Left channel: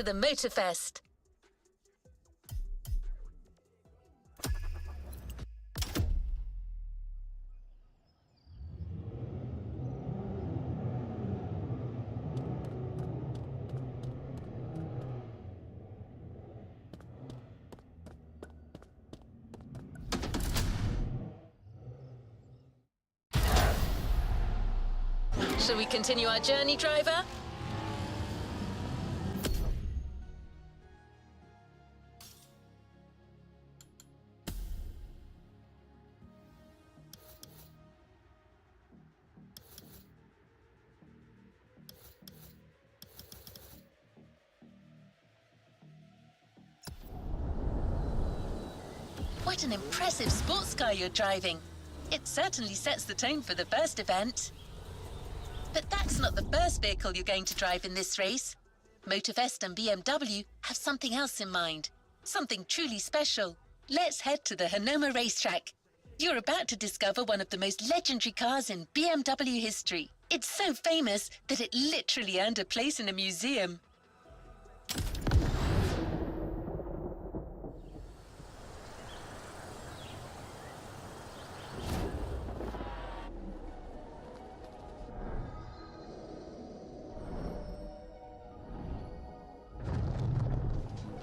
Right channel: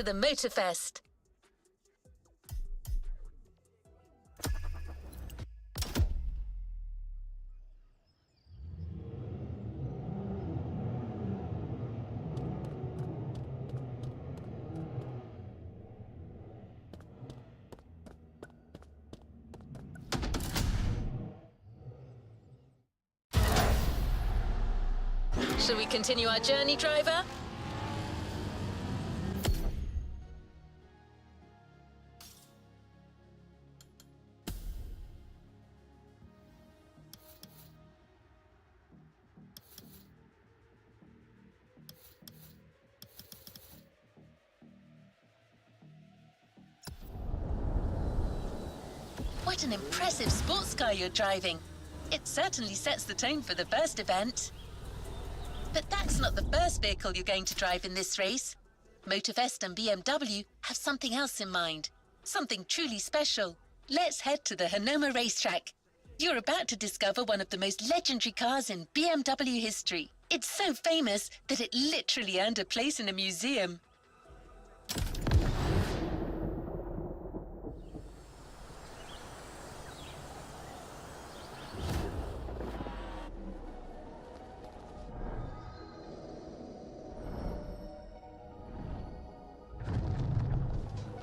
to the Motorfest. Shall we continue our journey, driver? What an impressive sports car you're driving. It certainly sets the tone for the first event. But that's not the first vehicle you're going to drive in this race. Motorfest and BMW have something else in mind. Something truly special. Let's head to the Hanoma racetrack. You're about to discover one of the most legendary cars in BMW history. It's so famous that it literally earned a place in a museum.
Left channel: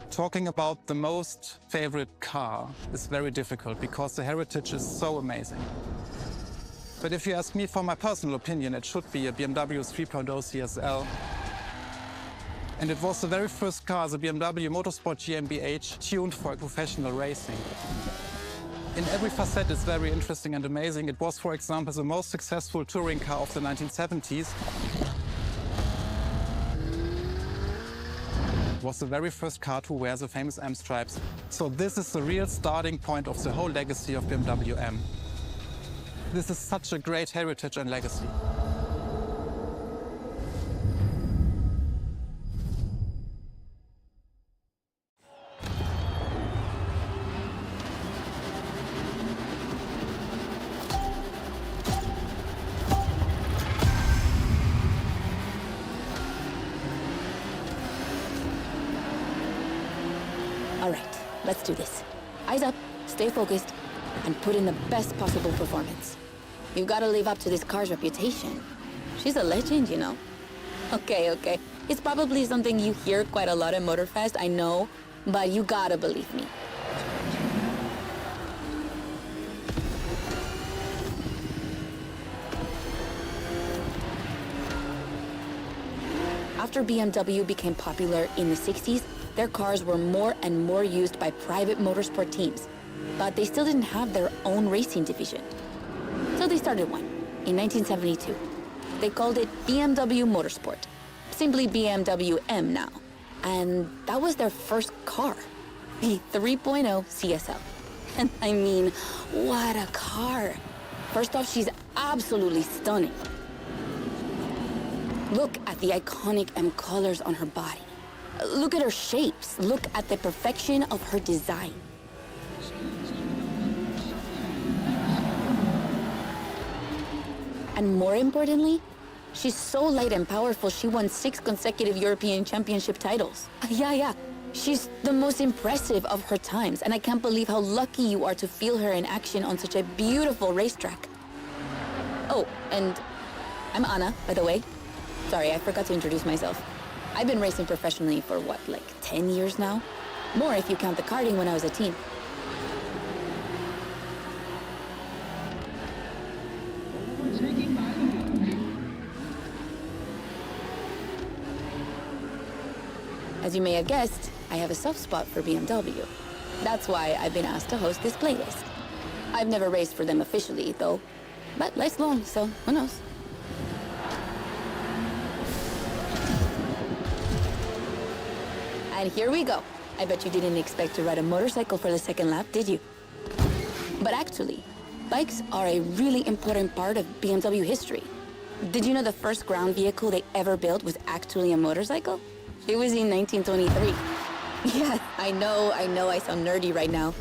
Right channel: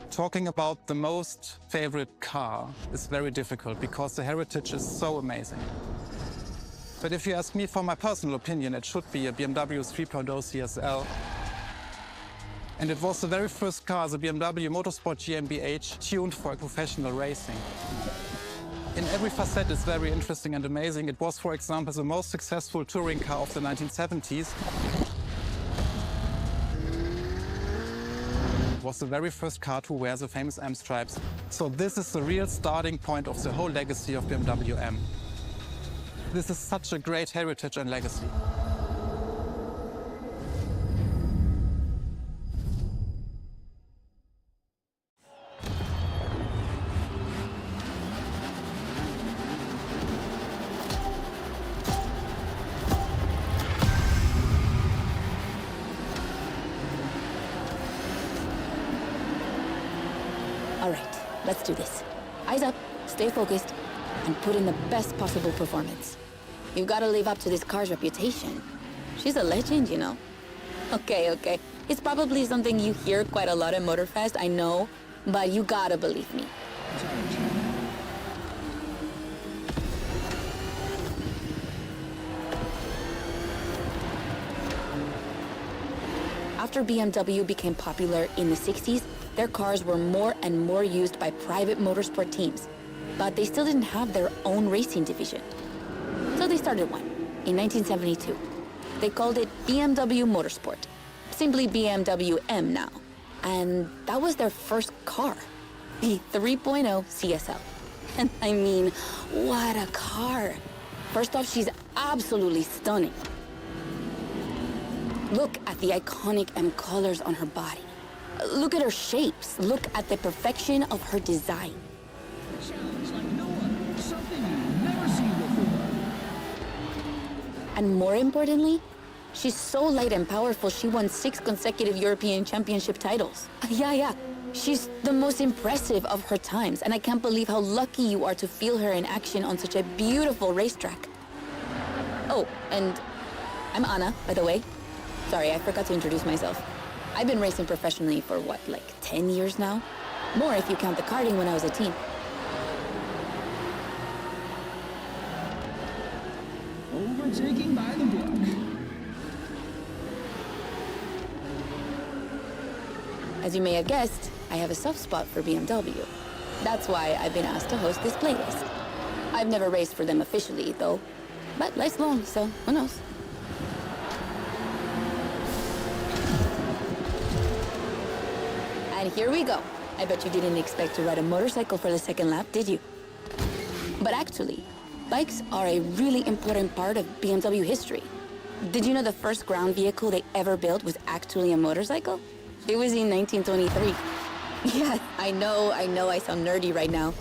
Talking about the most favorite car is very difficult because the heritage is so amazing. But if you ask me for my personal opinion, it should be a BMW 3.0 CSL. And it was the very first car, the BMW Motorsport GmbH, tuned for professional racing. In every facet it's very interesting and amazing. It was, for example, the most successful touring car of the 1970s. Was the very first car to wear the famous M stripes. So this is the real starting point of the whole legacy of BMW M. This is such a great heritage and legacy. All right, let's do this. Eyes up, stay focused, and put in the best possible performance. You've got to live up to this car's reputation. She's a legend, you know. Okay. It's probably something you hear quite a lot at Motorfest, I know, but you gotta believe me. After BMW became popular in the 60s, their cars were more and more used by private motorsport teams, but they still didn't have their own racing division. So they started one in 1972. They called it BMW Motorsport, simply BMW M now. And that was their first car, the 3.0 CSL. And I mean, what a car. First off, she's absolutely stunning. Look at the iconic M colors on her body. Look at her shapes. Look at the perfection of her design. And more importantly, she's so light and powerful, she won 6 consecutive European Championship titles. Yeah. She's the most impressive of her times, and I can't believe how lucky you are to feel her in action on such a beautiful racetrack. Oh, and I'm Anna, by the way. Sorry, I forgot to introduce myself. I've been racing professionally for what, like 10 years now? More if you count the karting when I was a teen. As you may have guessed, I have a soft spot for BMW. That's why I've been asked to host this playlist. I've never raced for them officially, though, but life's long, so who knows? And here we go. I bet you didn't expect to ride a motorcycle for the second lap, did you? But actually, bikes are a really important part of BMW history. Did you know the first ground vehicle they ever built was actually a motorcycle? It was in 1923. Yeah, I know I sound nerdy right now.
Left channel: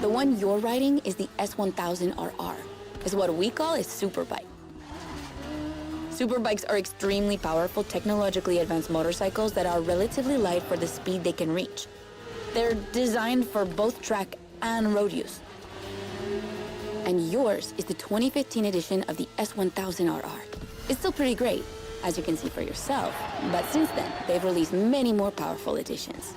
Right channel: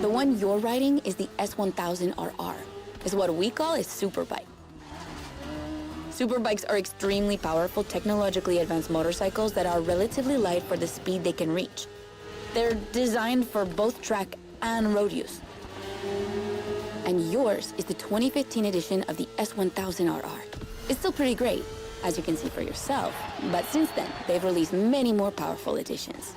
The one you're riding is the S1000RR. It's what we call a superbike. Superbikes are extremely powerful, technologically advanced motorcycles that are relatively light for the speed they can reach. They're designed for both track and road use. And yours is the 2015 edition of the S1000RR. It's still pretty great, as you can see for yourself, but since then, they've released many more powerful editions.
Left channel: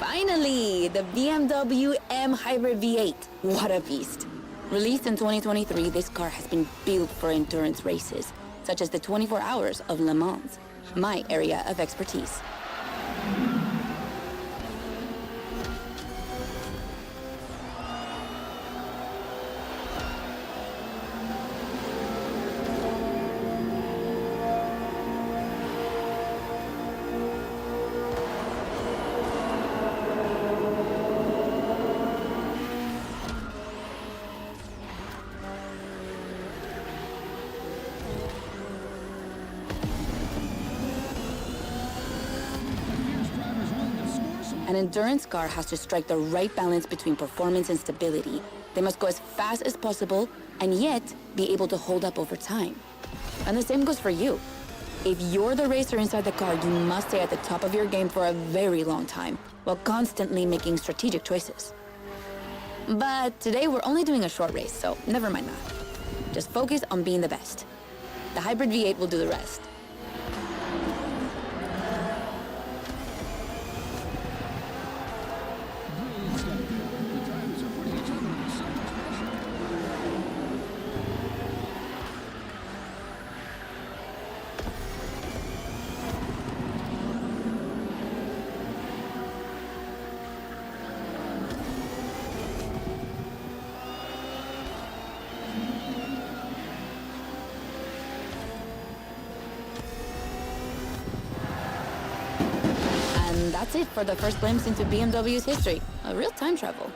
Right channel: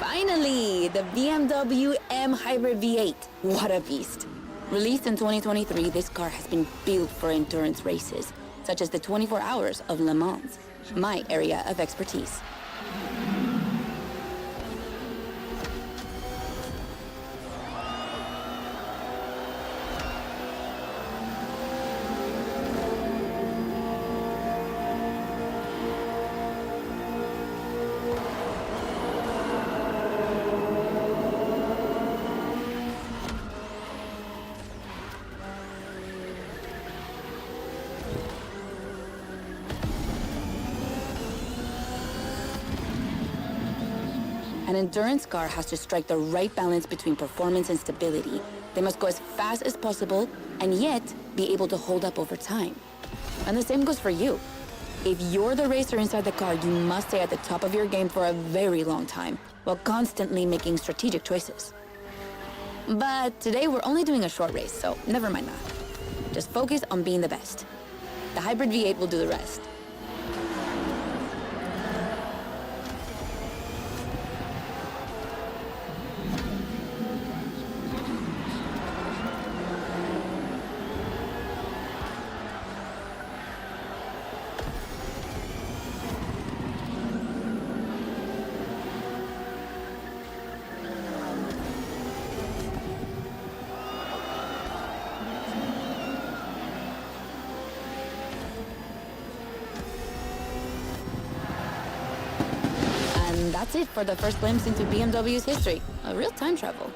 Finally, the BMW M Hybrid V8. What a beast. Released in 2023, this car has been built for endurance races, such as the 24 Hours of Le Mans, my area of expertise. An endurance car has to strike the right balance between performance and stability. They must go as fast as possible and yet be able to hold up over time. And the same goes for you. If you're the racer inside the car, you must stay at the top of your game for a very long time while constantly making strategic choices. But today we're only doing a short race, so never mind that. Just focus on being the best. The Hybrid V8 will do the rest. And that's it for the first glimpse into BMW's history. A real time travel.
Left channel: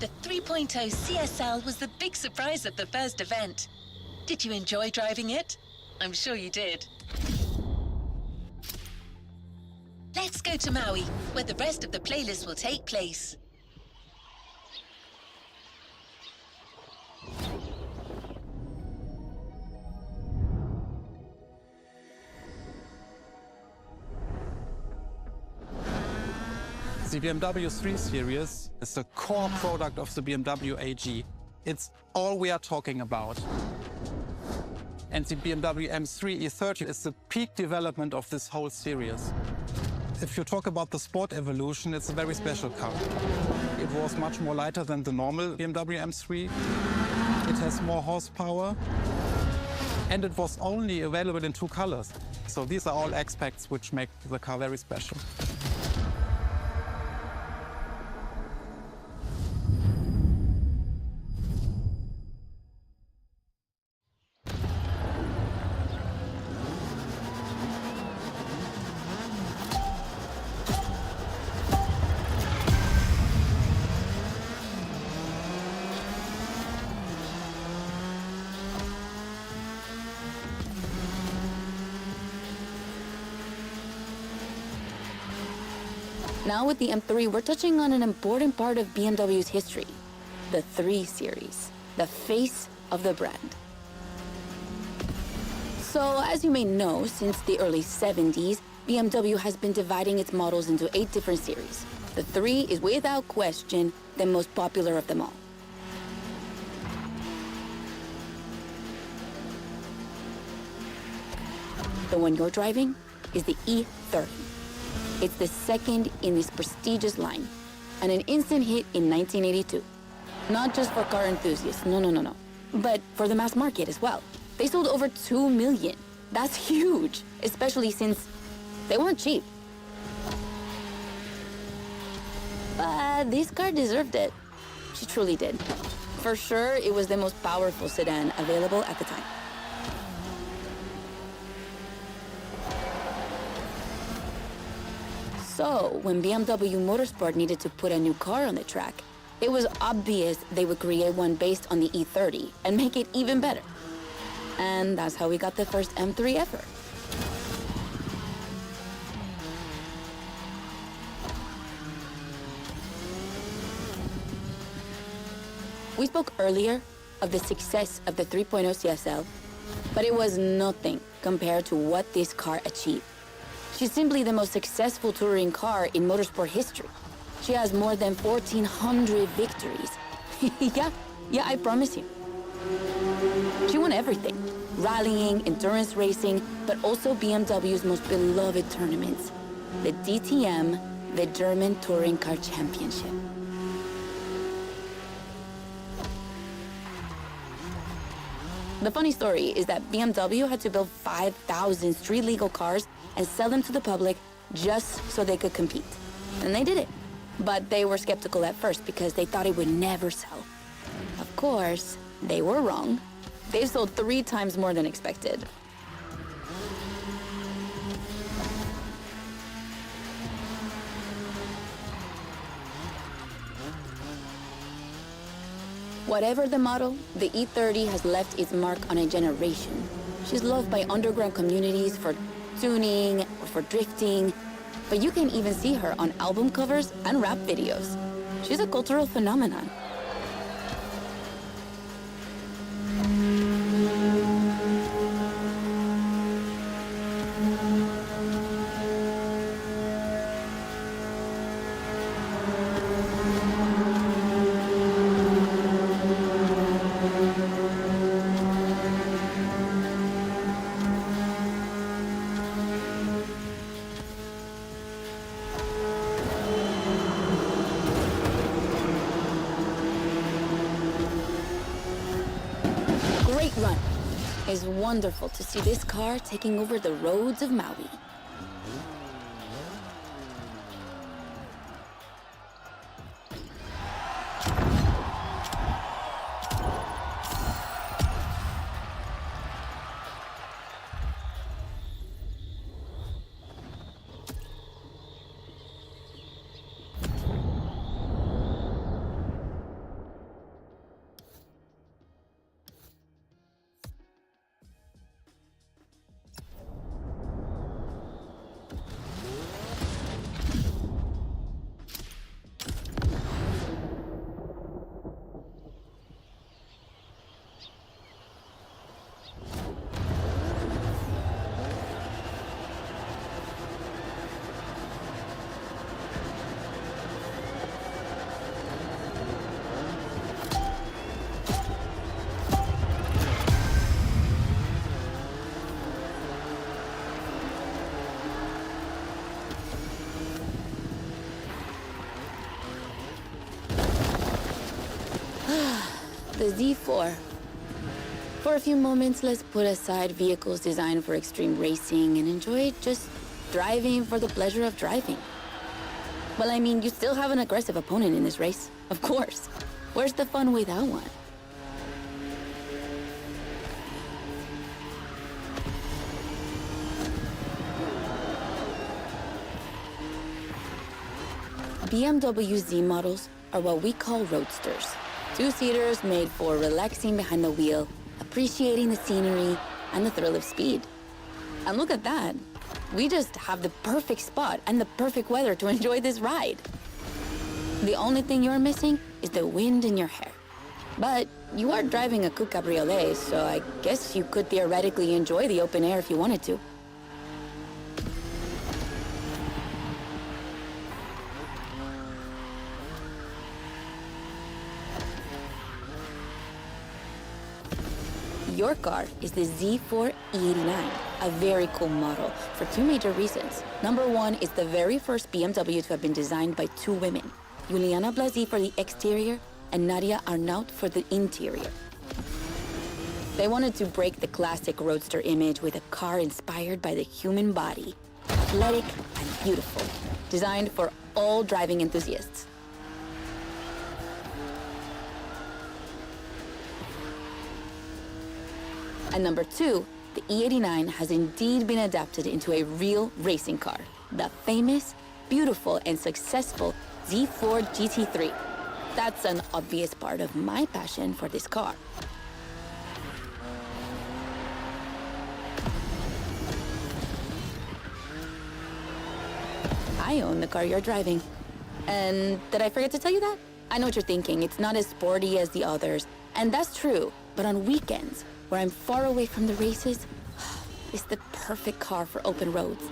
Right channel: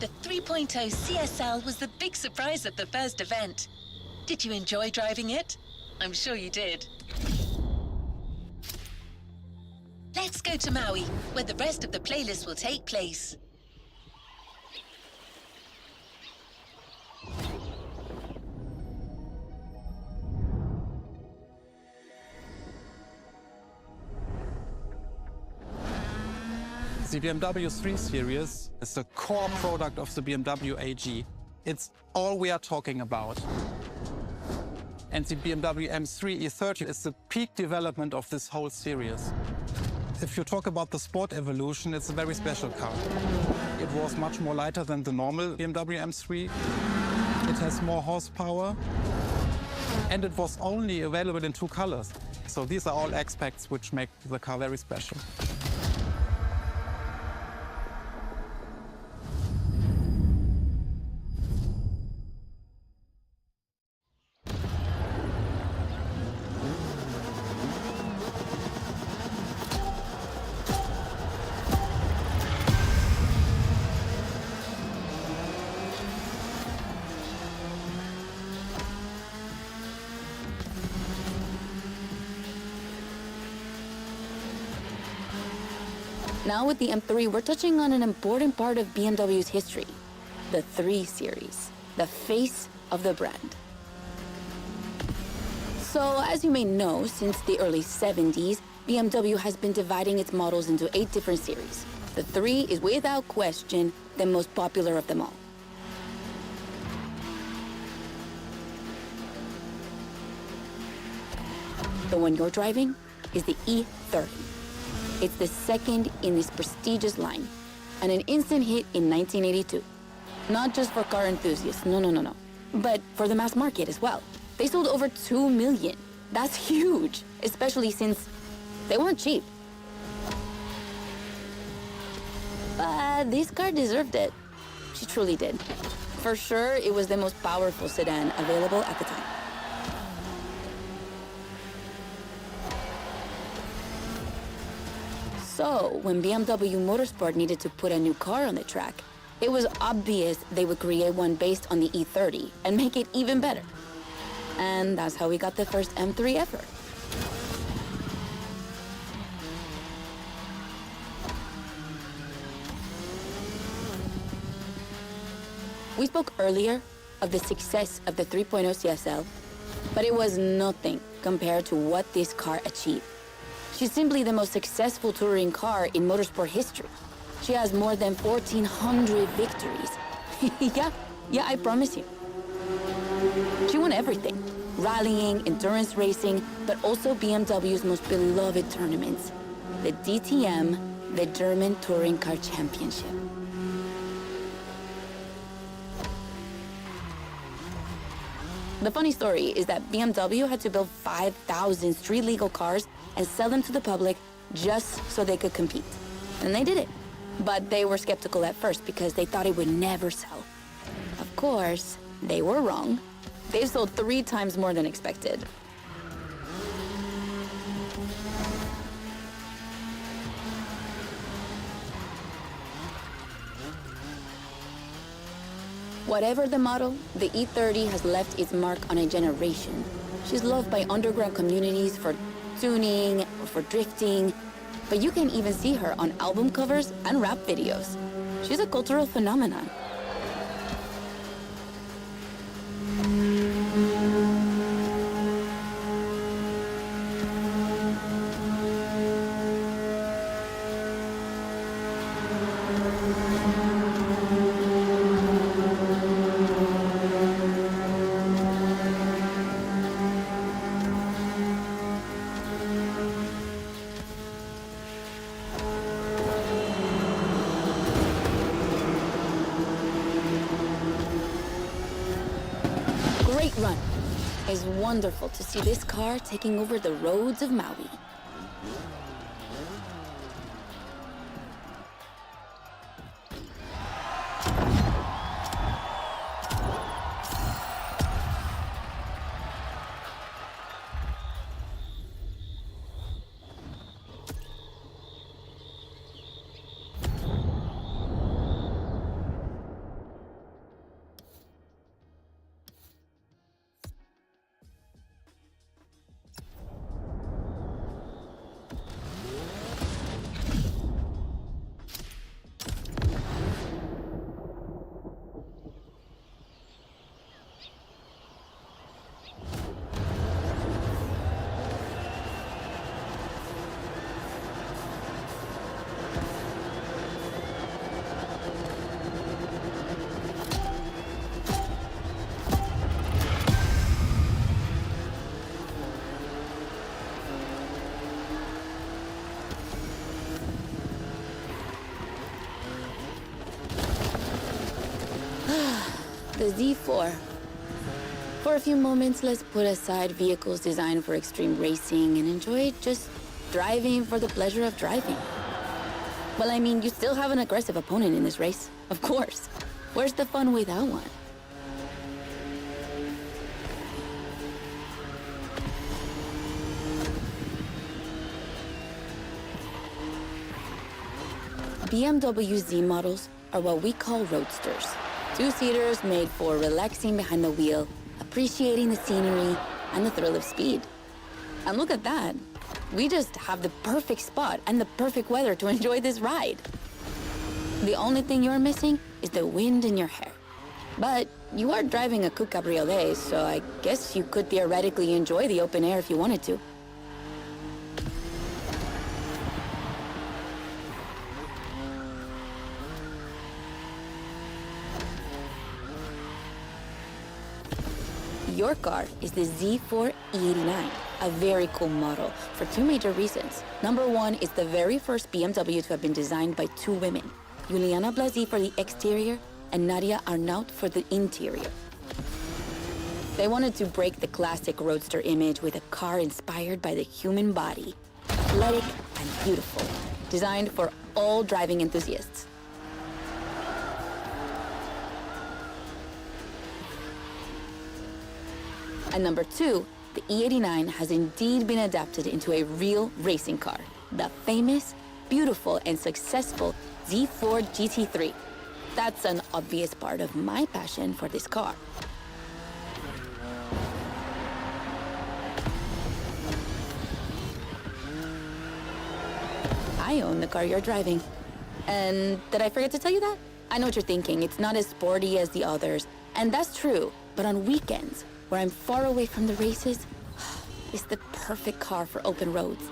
The 3.0 CSL was the big surprise of the first event. Did you enjoy driving it? I'm sure you did. Let's go to Maui, where the rest of the playlist will take place. The BMW 3 Series is the core product of the BMW AG. It's all we are talking about. And the BMW M3 E30 is the peak development of this whole series. If you talk about the sport evolution, it's a very special car. It was much more lighter than the normal BMW M3. It has more horsepower. And it was only available in 2 colors. So these are all aspects which make the car very special. Now with the M3, we're touching on an important part of BMW's history, the 3 Series, the face of the brand. So, as you may know, since the early 70s, BMW has been dividing its models into 8 different series. The 3 is without question the most popular of them all. The one you're driving is the E30. It's the second in this prestigious line, and an instant hit in 1982. Not just for car enthusiasts, no, but for the mass market as well. They sold over 2 million. That's huge, especially since they weren't cheap. But this car deserved it. She truly did. For sure, it was the most powerful sedan available at the time. So, when BMW Motorsport needed to put a new car on the track, it was obvious they would create one based on the E30 and make it even better. And that's how we got the first M3 ever. We spoke earlier of the success of the 3.0 CSL, but it was nothing compared to what this car achieved. She's simply the most successful touring car in motorsport history. She has more than 1,400 victories. Yeah, I promise you. She won everything. Rallying, endurance racing, but also BMW's most beloved tournaments. The DTM, the German Touring Car Championship. The funny story is that BMW had to build 5,000 street-legal cars and sell them to the public just so they could compete. And they did it. But they were skeptical at first because they thought it would never sell. Of course, they were wrong. They've sold 3 times more than expected. Whatever the model, the E30 has left its mark on a generation. She's loved by underground communities for tuning or for drifting, but you can even see her on album covers and rap videos. She's a cultural phenomenon. Great run. It's wonderful to see this car taking over the roads of Maui. The Z4. For a few moments, let's put aside vehicles designed for extreme racing and enjoy just driving for the pleasure of driving. Well, I mean, you still have an aggressive opponent in this race, of course. Where's the fun without one? BMW Z models are what we call roadsters. 2-seaters made for relaxing behind the wheel, appreciating the scenery, and the thrill of speed. And look at that. We just have the perfect spot and the perfect weather to enjoy this ride. The only thing you're missing is the wind in your hair. But you are driving a coupe cabriolet, so I guess you could theoretically enjoy the open air if you wanted to. Your car is the Z4 E89, a very cool model for two major reasons. Number one, it's the very first BMW to have been designed by two women, Juliana Blasi for the exterior and Nadia Arnaut for the interior. They wanted to break the classic roadster image with a car inspired by the human body, athletic and beautiful, designed for all driving enthusiasts. And number two, the E89 has indeed been adapted into a real racing car, the famous, beautiful, and successful Z4 GT3. That's an obvious part of my passion for this car. I own the car you're driving. And did I forget to tell you that? I know what you're thinking. It's not as sporty as the others. And that's true. But on weekends, where I'm far away from the races, it's the perfect car for open roads.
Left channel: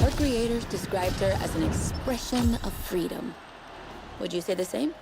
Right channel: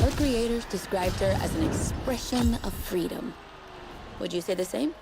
Her creators described her as an expression of freedom. Would you say the same?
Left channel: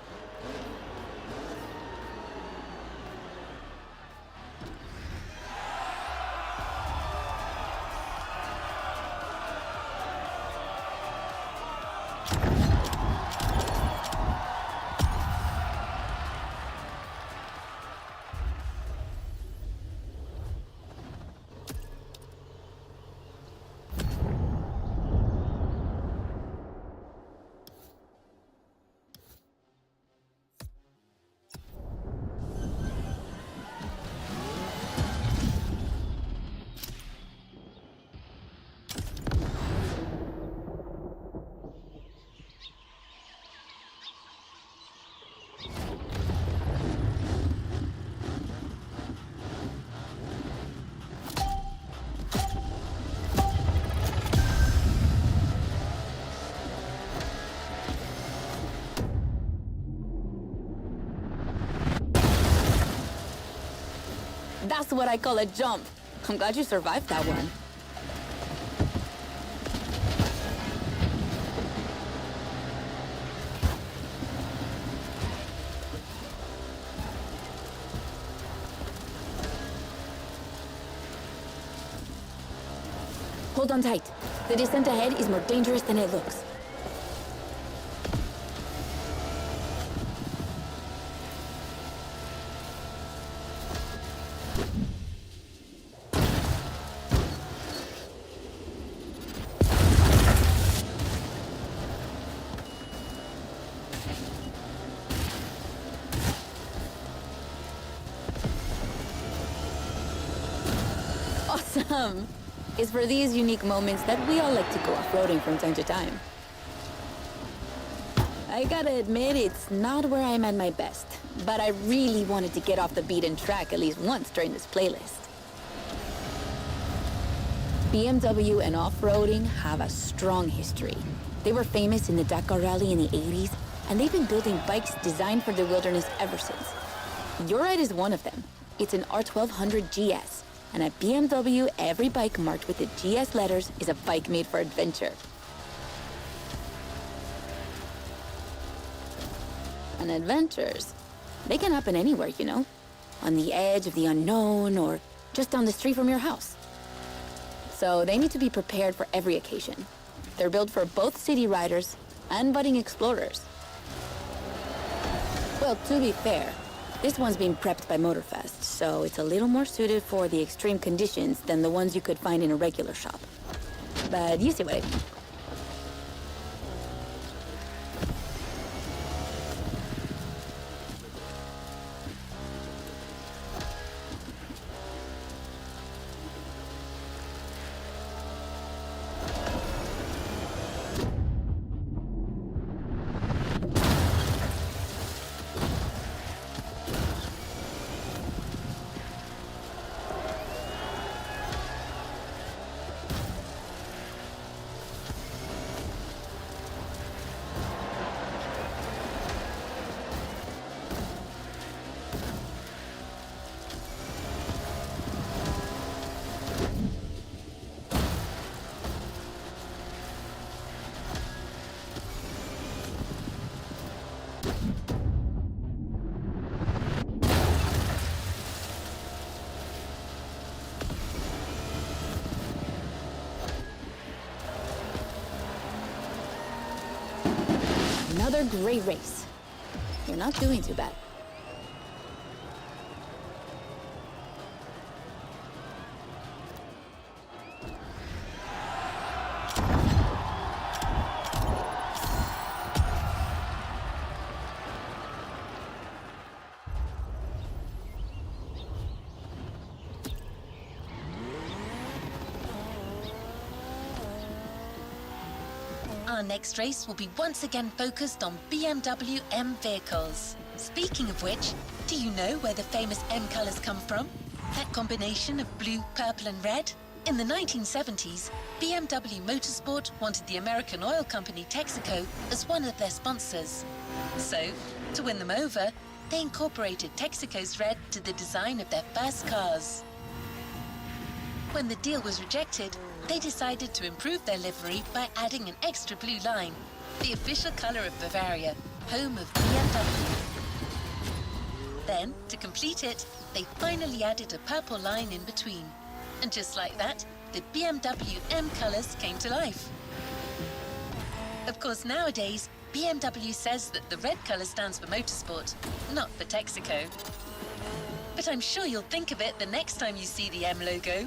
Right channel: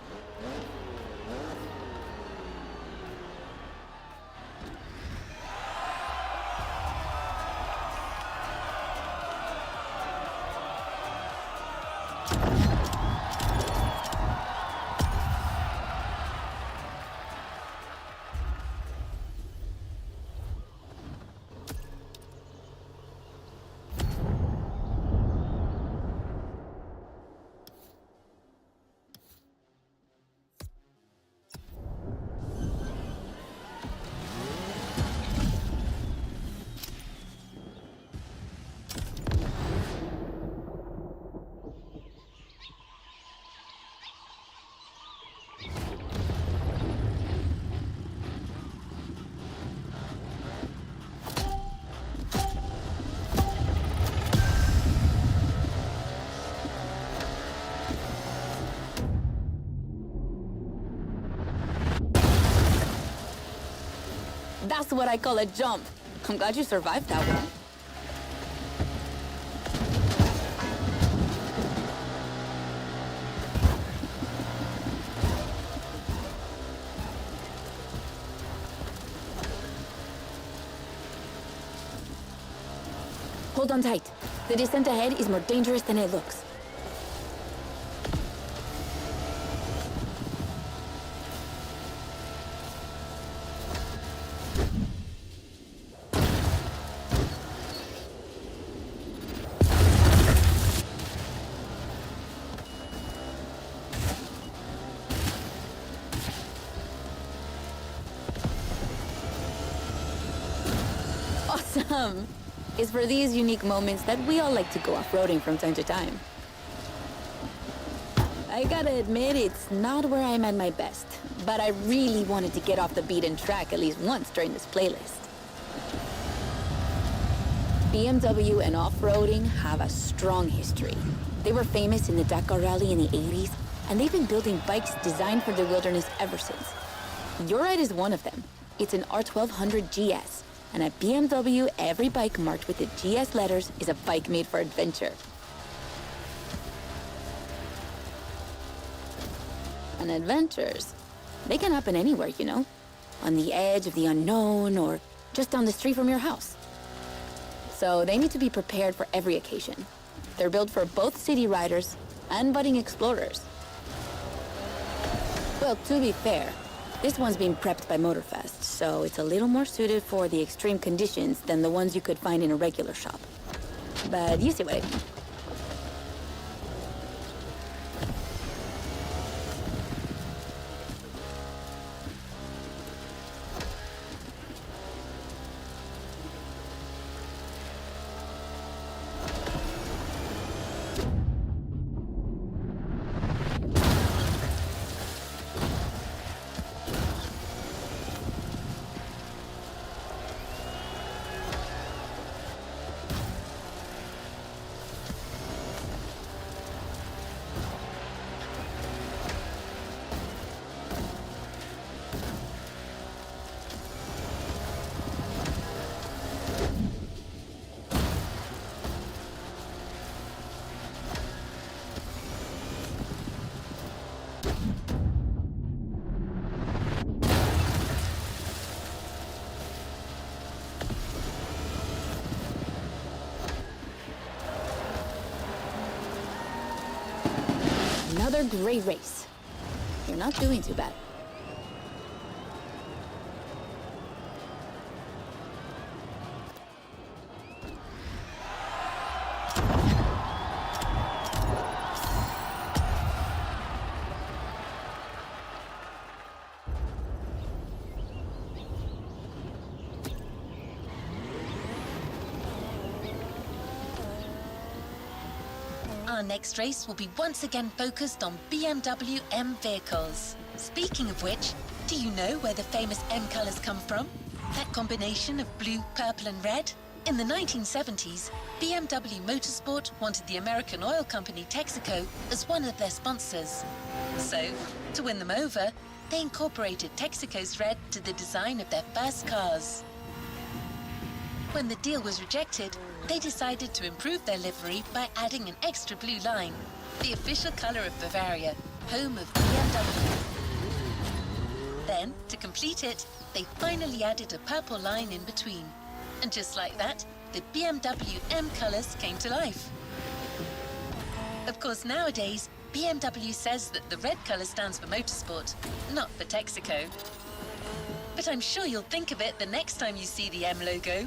That's what I call a jump. I'm glad you survived that one. Hold on tight. The descent ahead is more dangerous than it looks. Awesome! It's for these unique moments that we all like to go off-roading from time to time. I gotta admit, it's not where I'm at my best, but I really wanted to get off the beaten track at least once during this playlist. BMW and off-roading have a strong history. They were famous in the Dakar Rally in the 80s, and they've been building bikes designed for the wilderness ever since. Your ride is one of them. It's an R1200 GS. And at BMW, every bike marked with the GS letters is a bike made for adventure. And adventures, they can happen anywhere, you know? On the edge of the unknown or just down the street from your house. So they need to be prepared for every occasion. They're built for both city riders and budding explorers. Well, to be fair, this one's been prepped by Motorfest, so it's a little more suited for the extreme conditions than the ones you could find in a regular shop. But you see what I mean. Another great race. You're not doing too bad. Our next race will be once again focused on BMW M vehicles. Speaking of which, do you know where the famous M colours come from? That combination of blue, purple and red? In the 1970s, BMW Motorsport wanted the American oil company Texaco as one of their sponsors. So, to win them over, they incorporated Texaco's red to the design of their first cars. When the deal was rejected, they decided to improve their livery by adding an extra blue line, the official colour of Bavaria, home of BMW. Then, to complete it, they finally added a purple line in between. And just like that, the BMW M colours came to life. Of course, nowadays, BMW says that the red colour stands for motorsport, not for Texaco. But I'm sure you'll think of it the next time you see the M logo.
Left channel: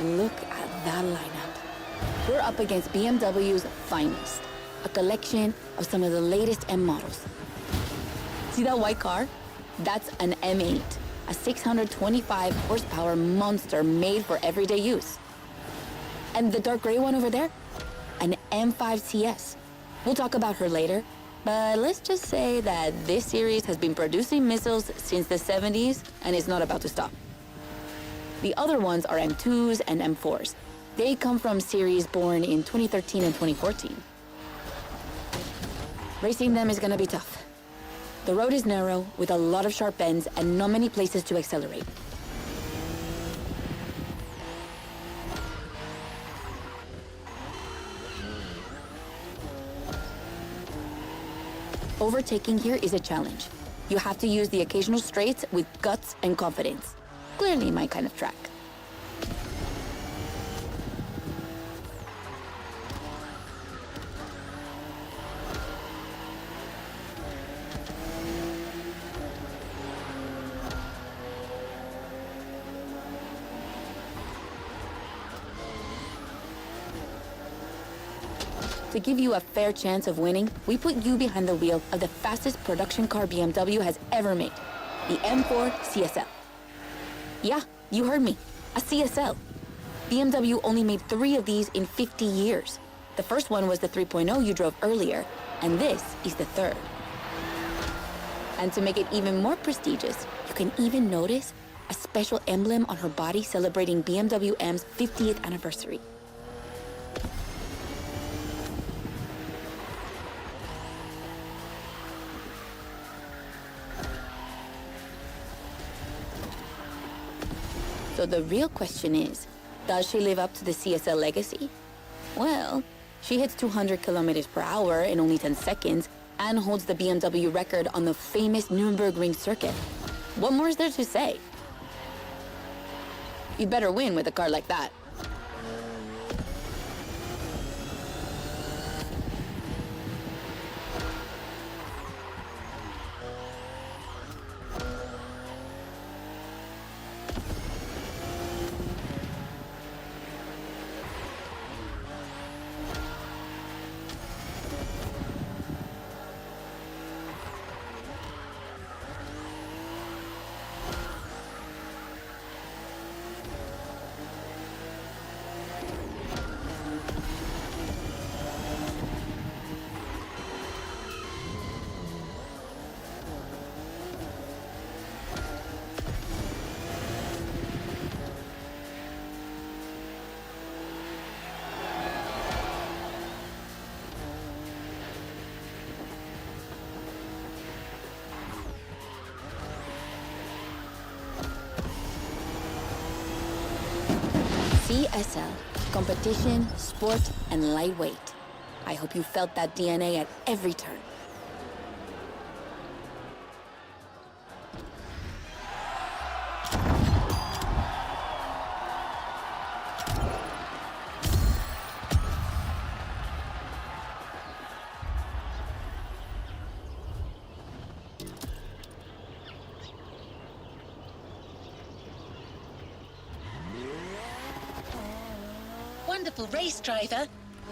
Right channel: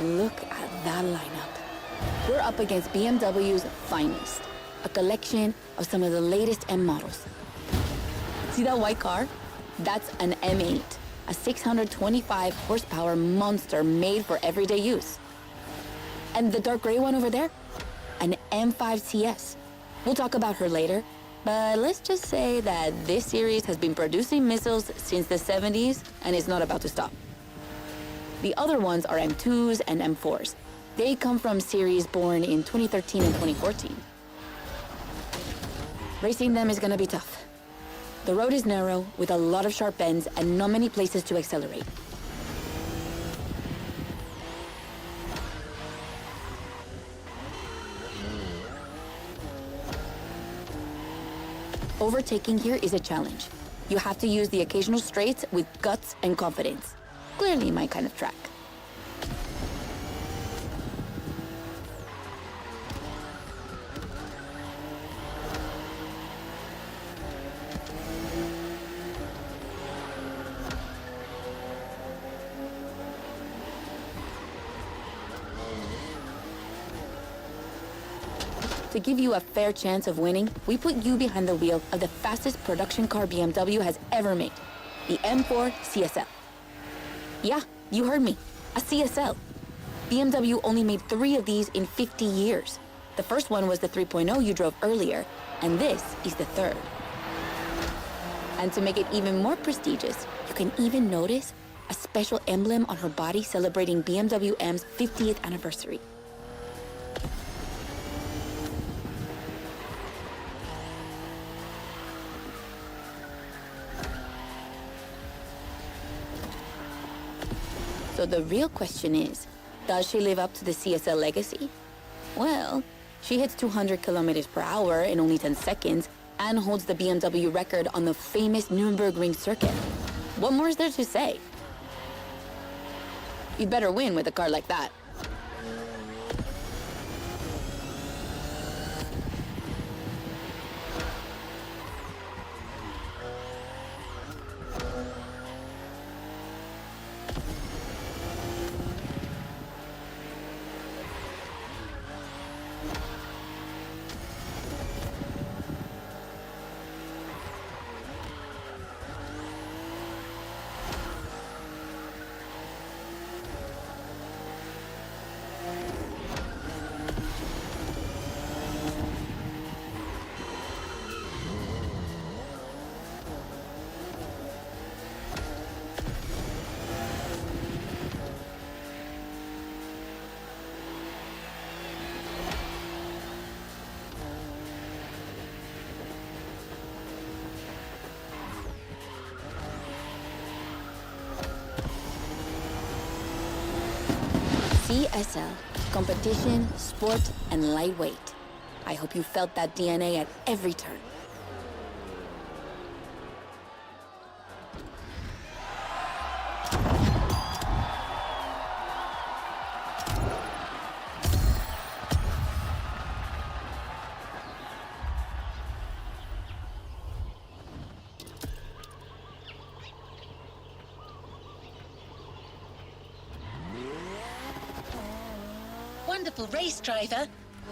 Look at that lineup. We're up against BMW's finest, a collection of some of the latest M models. See that white car? That's an M8, a 625 horsepower monster made for everyday use. And the dark gray one over there? An M5 CS. We'll talk about her later, but let's just say that this series has been producing missiles since the 70s and is not about to stop. The other ones are M2s and M4s. They come from series born in 2013 and 2014. Racing them is gonna be tough. The road is narrow, with a lot of sharp bends and not many places to accelerate. Overtaking here is a challenge. You have to use the occasional straights with guts and confidence. Clearly my kind of track. To give you a fair chance of winning, we put you behind the wheel of the fastest production car BMW has ever made, the M4 CSL. Yeah, you heard me, a CSL. BMW only made 3 of these in 50 years. The first one was the 3.0 you drove earlier, and this is the third. And to make it even more prestigious, you can even notice a special emblem on her body celebrating BMW M's 50th anniversary. So the real question is, does she live up to the CSL legacy? Well, she hits 200 kilometers per hour in only 10 seconds and holds the BMW record on the famous Nürburgring circuit. What more is there to say? You'd better win with a car like that. CSL, competition, sport, and lightweight. I hope you felt that DNA at every turn. Wonderful race, driver.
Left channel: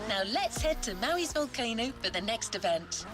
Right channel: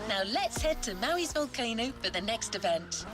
Now let's head to Maui's volcano for the next event.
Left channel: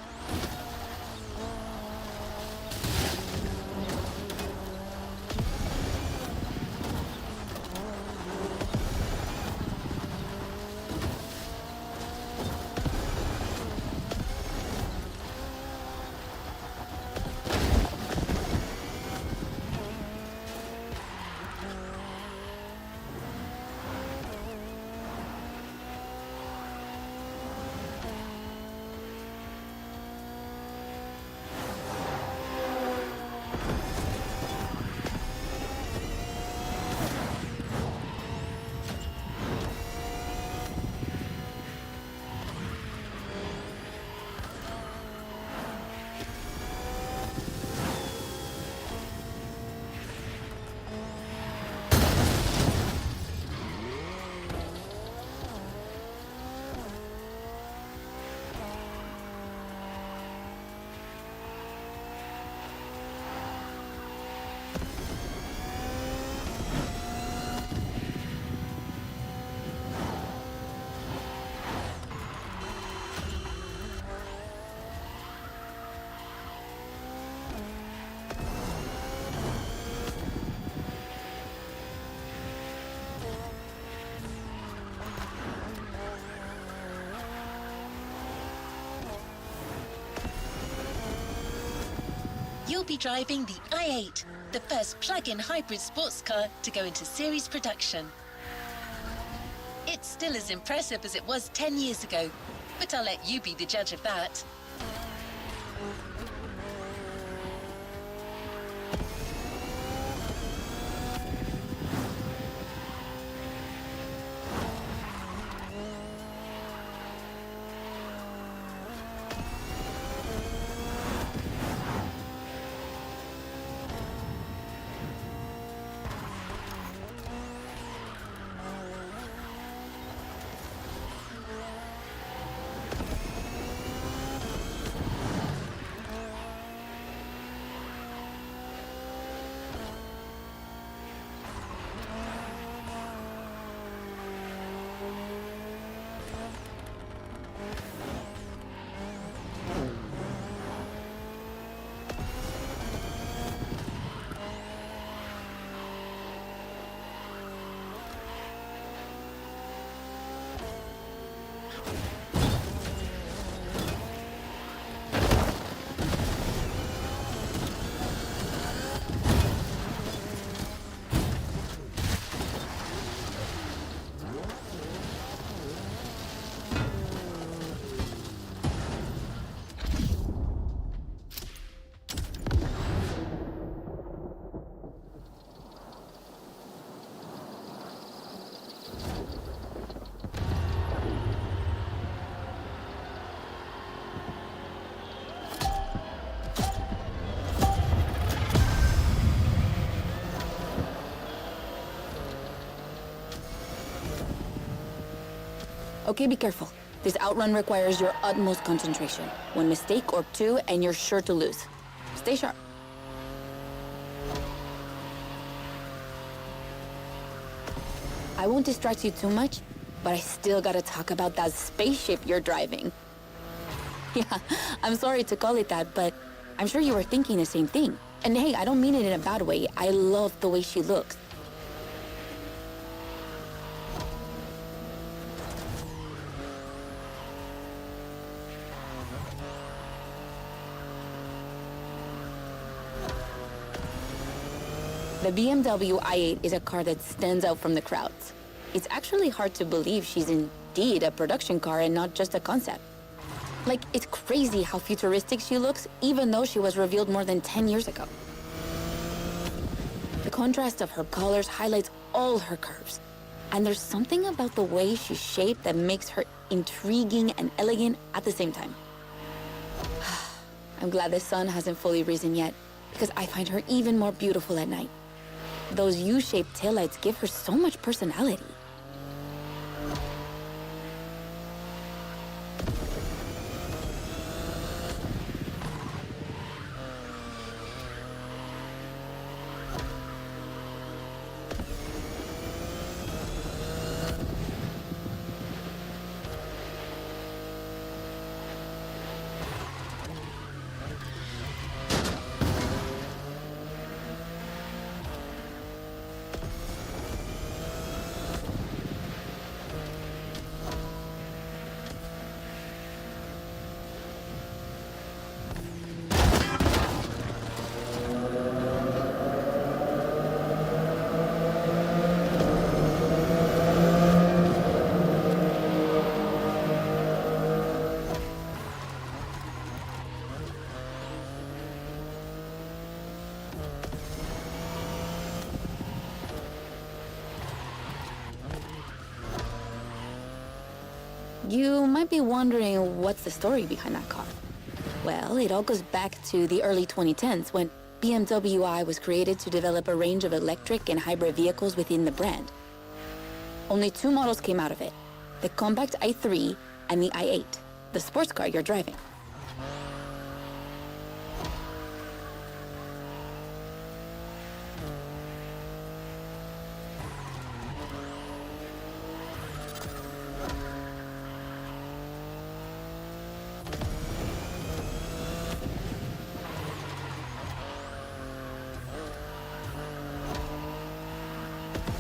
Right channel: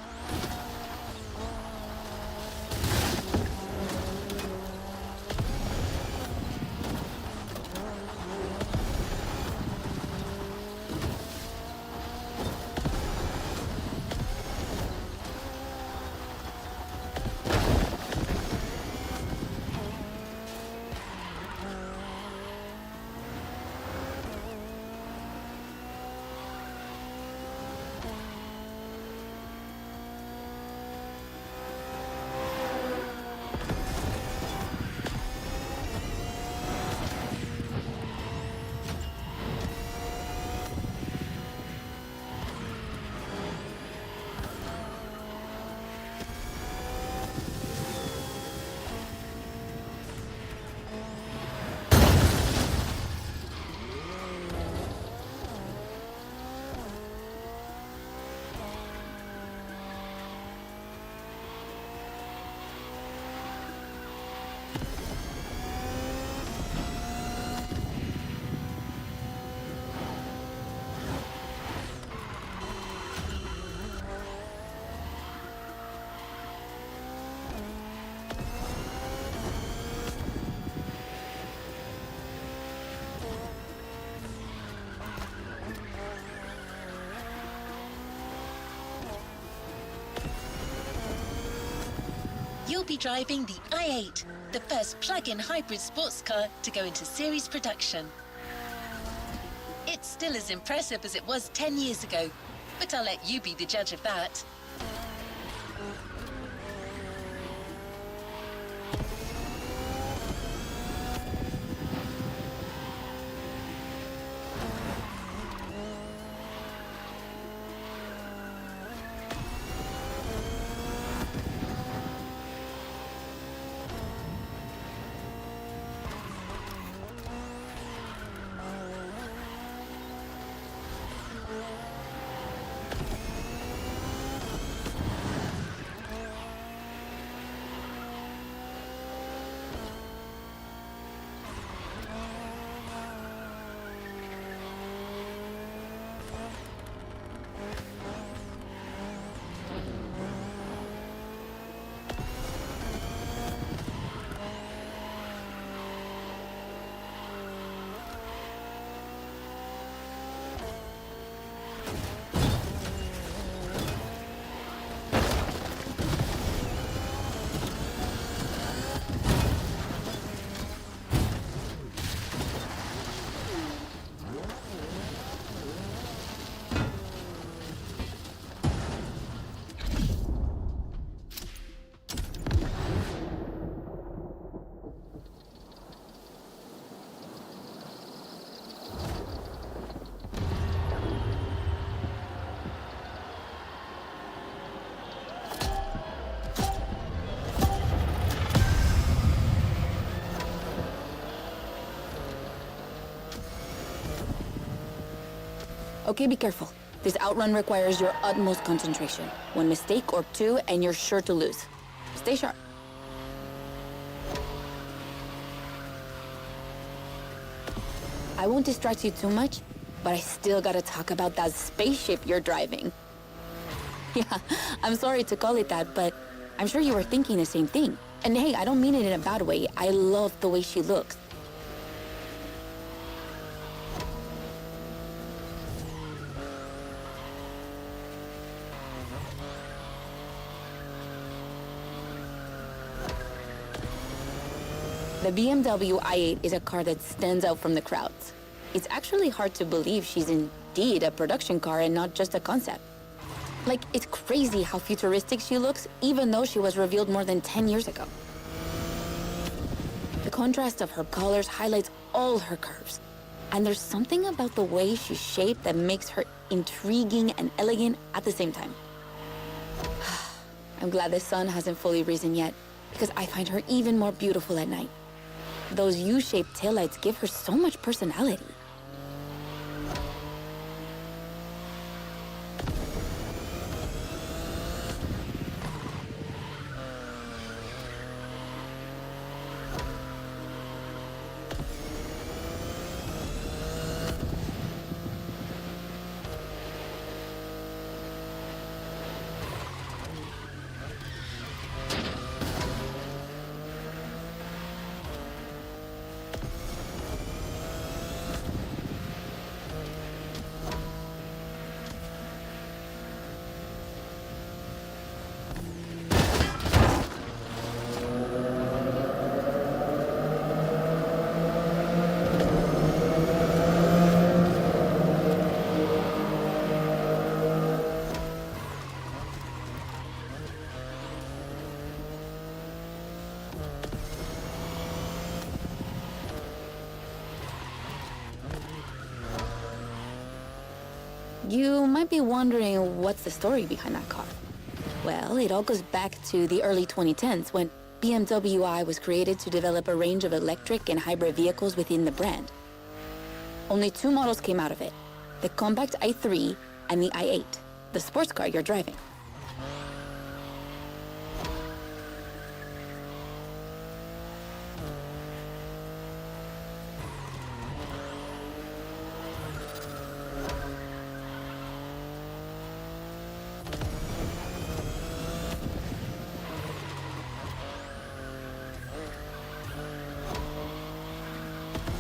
You'll be driving the i8, the first plug-in hybrid sports car to go into series production. It's still as impressive as it was 10 years ago, but I'll let you be the judge of that. Okay, be careful. This outrun requires your utmost concentration. One mistake or two, and you're sure to lose. Stay sharp. I won't distract you too much, but I still gotta talk about that spaceship you're driving. Yeah, I'm sorry to call it that, but I'm sure you were thinking the same thing. And hey, I don't mean it in a bad way. I love the way she looks. The BMW i8 is a car that stands out from the crowds. It's actually hard to believe she's indeed a production car and not just a concept. Like, it's crazy how futuristic she looks, even though she was revealed more than 10 years ago. The contrast of her colors highlights all her curves. And there's something about the way she's shaped that makes her intriguing and elegant at the same time. I'm glad the sun hasn't fully risen yet, because I find her even more beautiful at night. Those U-shaped taillights give her so much personality. You might be wondering what's the story behind that car. Well, it all goes back to the early 2010s when BMW i was created to develop a range of electric and hybrid vehicles within the brand. Only two models came out of it, the compact i3 and the i8, the sports car you're driving.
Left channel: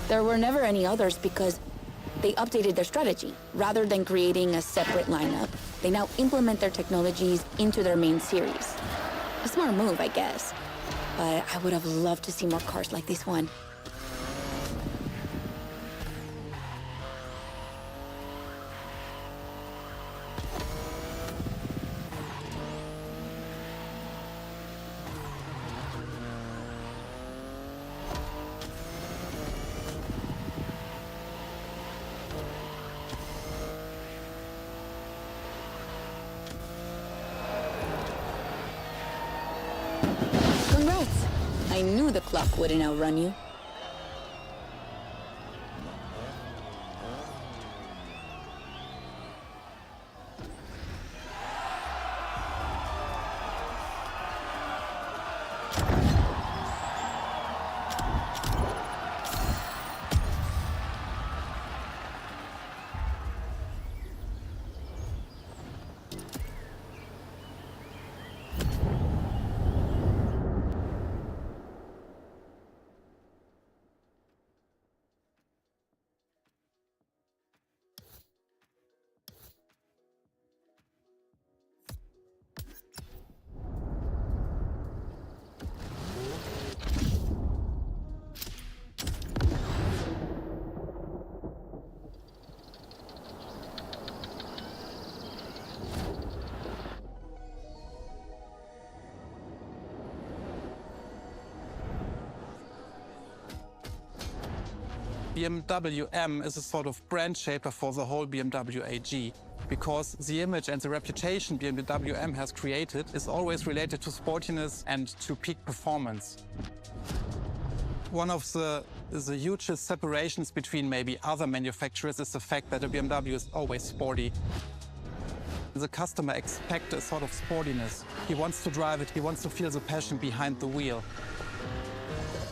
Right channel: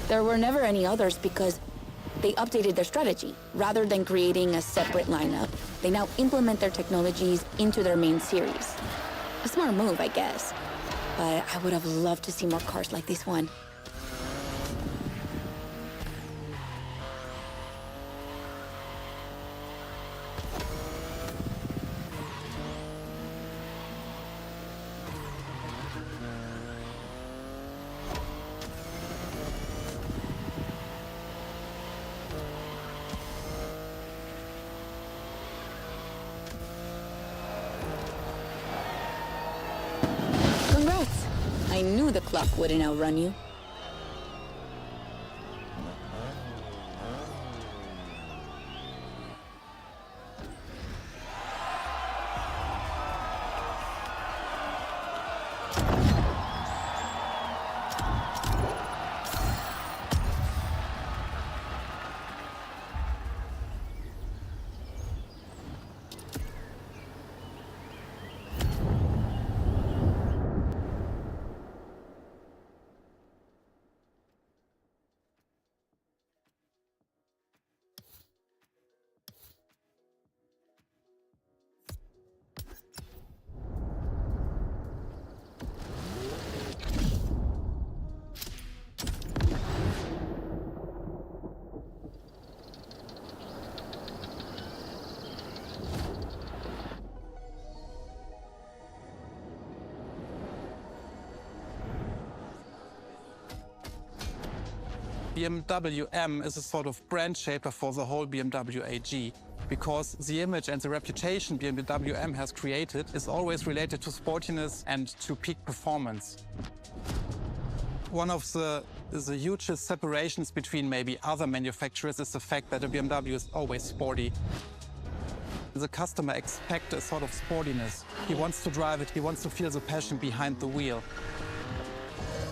There were never any others because they updated their strategy. Rather than creating a separate lineup, they now implement their technologies into their main series. A smart move, I guess. But I would have loved to see more cars like this one. Congrats! I knew the clock wouldn't outrun you. BMW M is a sort of brand shaper for the whole BMW AG, because the image and the reputation BMW M has created is always related to sportiness and to peak performance. One of the the hugest separations between maybe other manufacturers is the fact that a BMW is always sporty. The customer expects a sort of sportiness. He wants to drive it, he wants to feel the passion behind the wheel.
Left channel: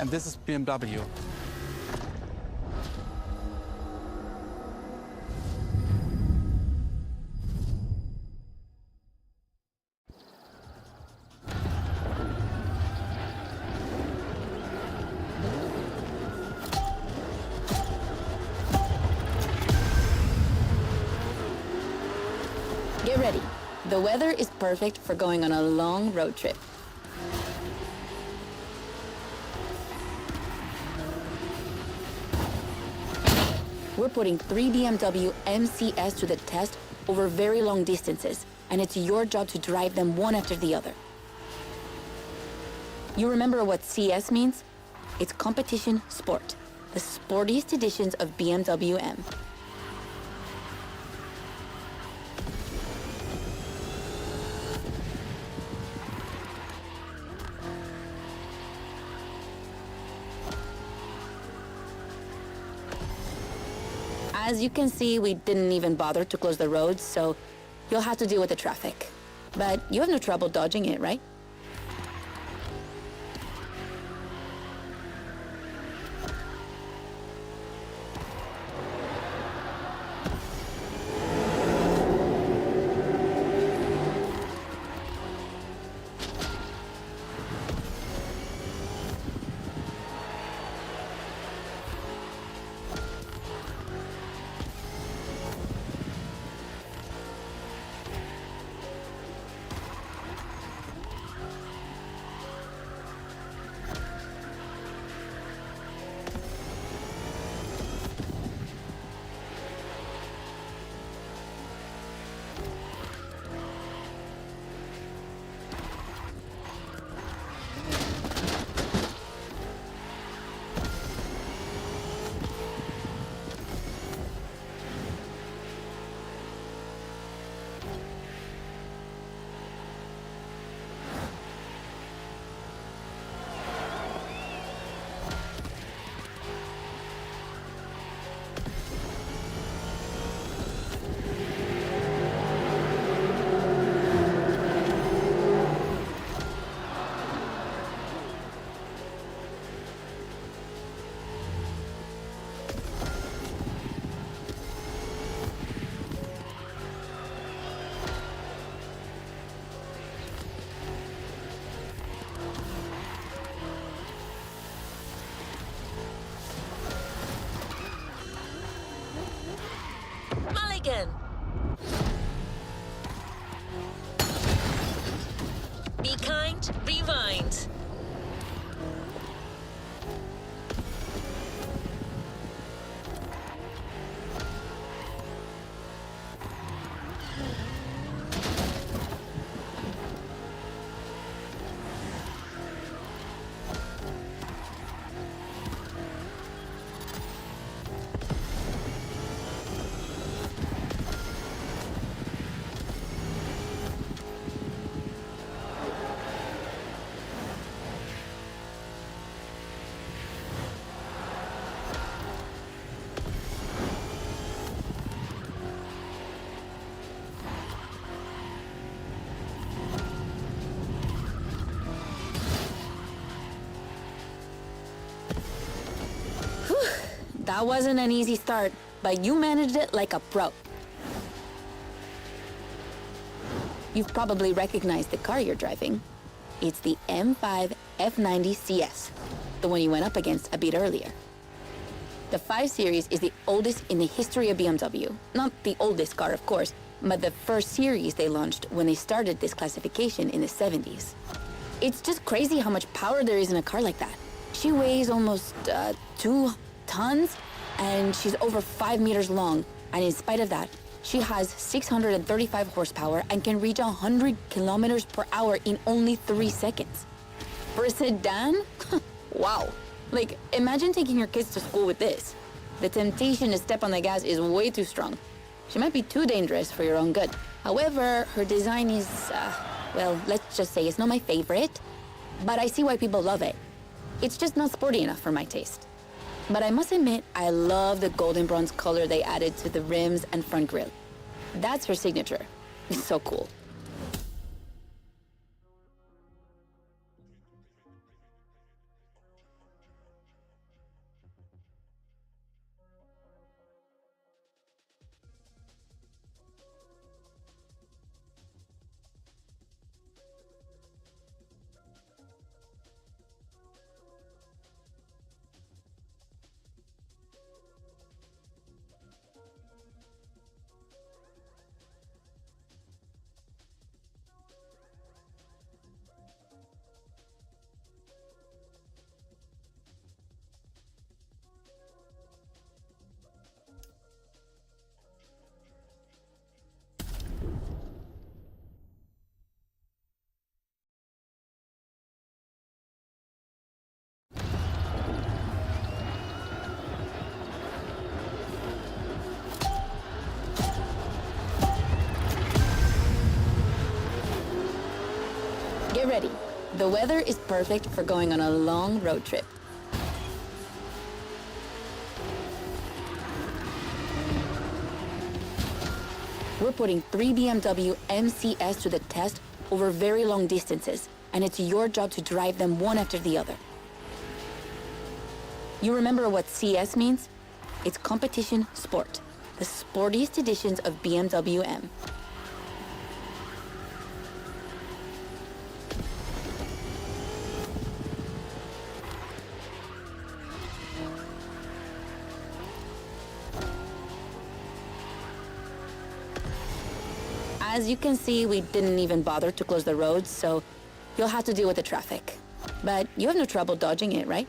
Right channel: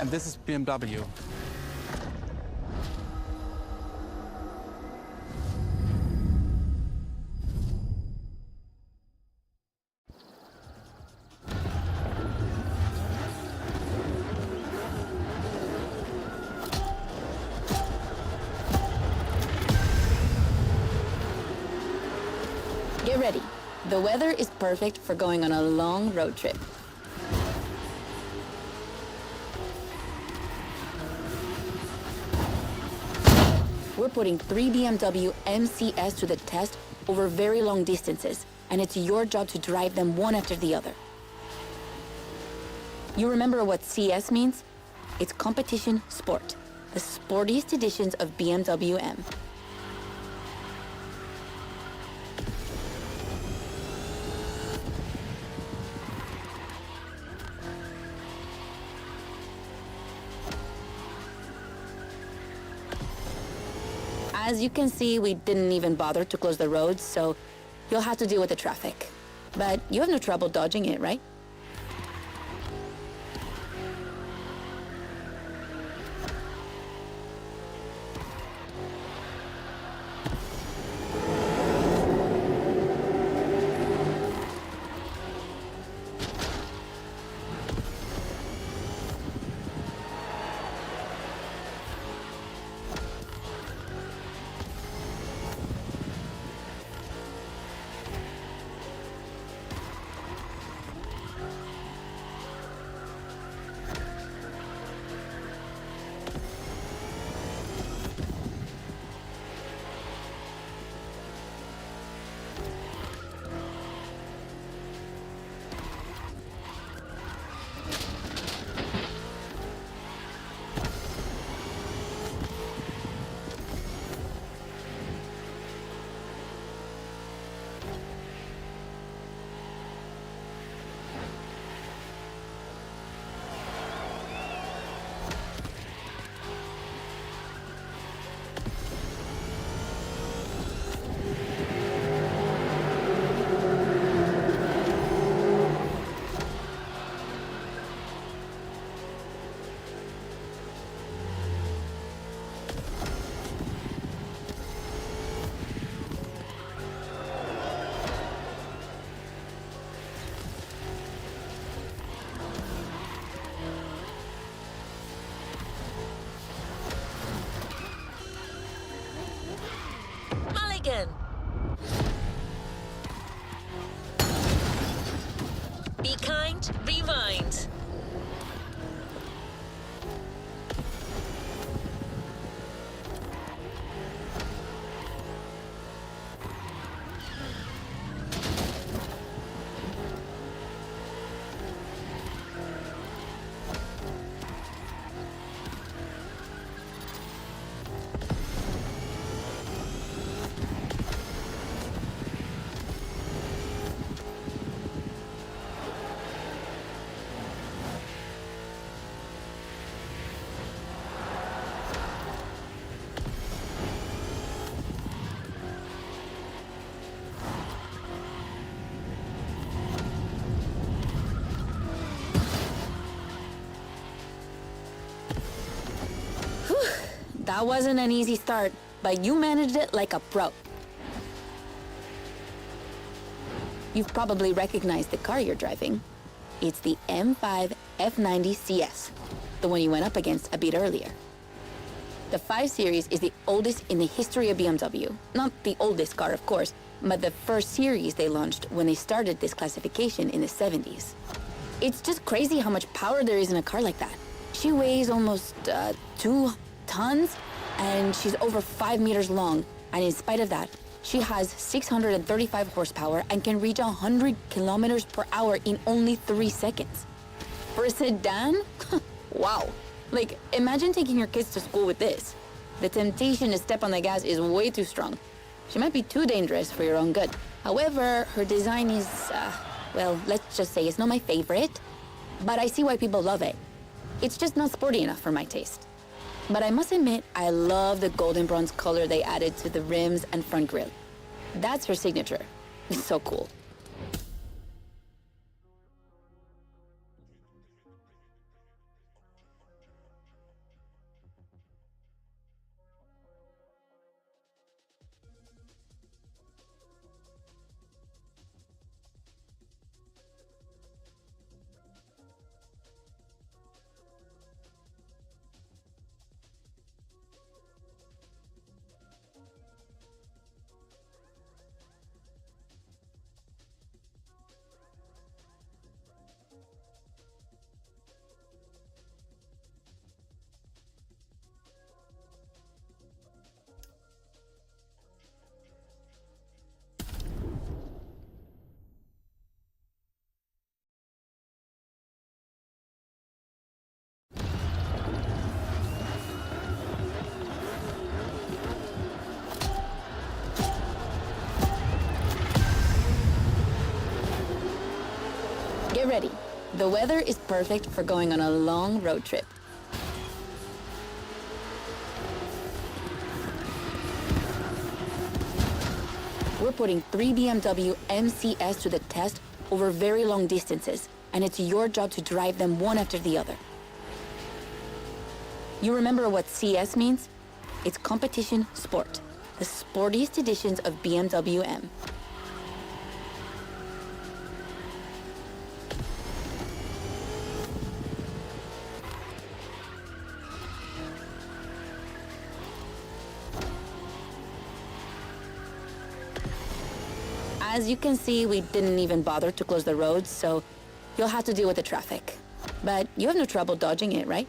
And this is BMW. Get ready. The weather is perfect for going on a long road trip. We're putting 3 BMW MCS to the test over very long distances, and it's your job to drive them one after the other. You remember what CS means? It's competition sport, the sportiest editions of BMW M. As you can see, we didn't even bother to close the roads, so you'll have to deal with the traffic. But you have no trouble dodging it, right? Mulligan. Be kind, rewind. That wasn't an easy start, but you managed it like a pro. You've probably recognized the car you're driving. It's the M5 F90 CS, the one you went up against a bit earlier. The 5 Series is the oldest in the history of BMW. Not the oldest car, of course, but the first series they launched when they started this classification in the 70s. It's just crazy how much power there is in a car like that. She weighs almost 2 tons, and she's over 5 meters long. And in spite of that, she has 635 horsepower and can reach 100 kilometers per hour in only 3 seconds. For a sedan? Wow. Like, imagine taking your kids to school with this. The temptation to step on the gas is way too strong. She might be too dangerous for your own good. However, her design is, well, let's just say it's not my favorite, but I see why people love it. It's just not sporty enough for my taste. But I must admit, I love the golden bronze color they added to the rims and front grille. That's her signature. It's so cool. Get ready. The weather is perfect for going on a long road trip. We're putting 3 BMW MCS to the test over very long distances, and it's your job to drive them one after the other. You remember what CS means? It's competition sport, the sportiest editions of BMW M. As you can see, we didn't even bother to close the roads, so you'll have to deal with the traffic. But you have no trouble dodging it, right?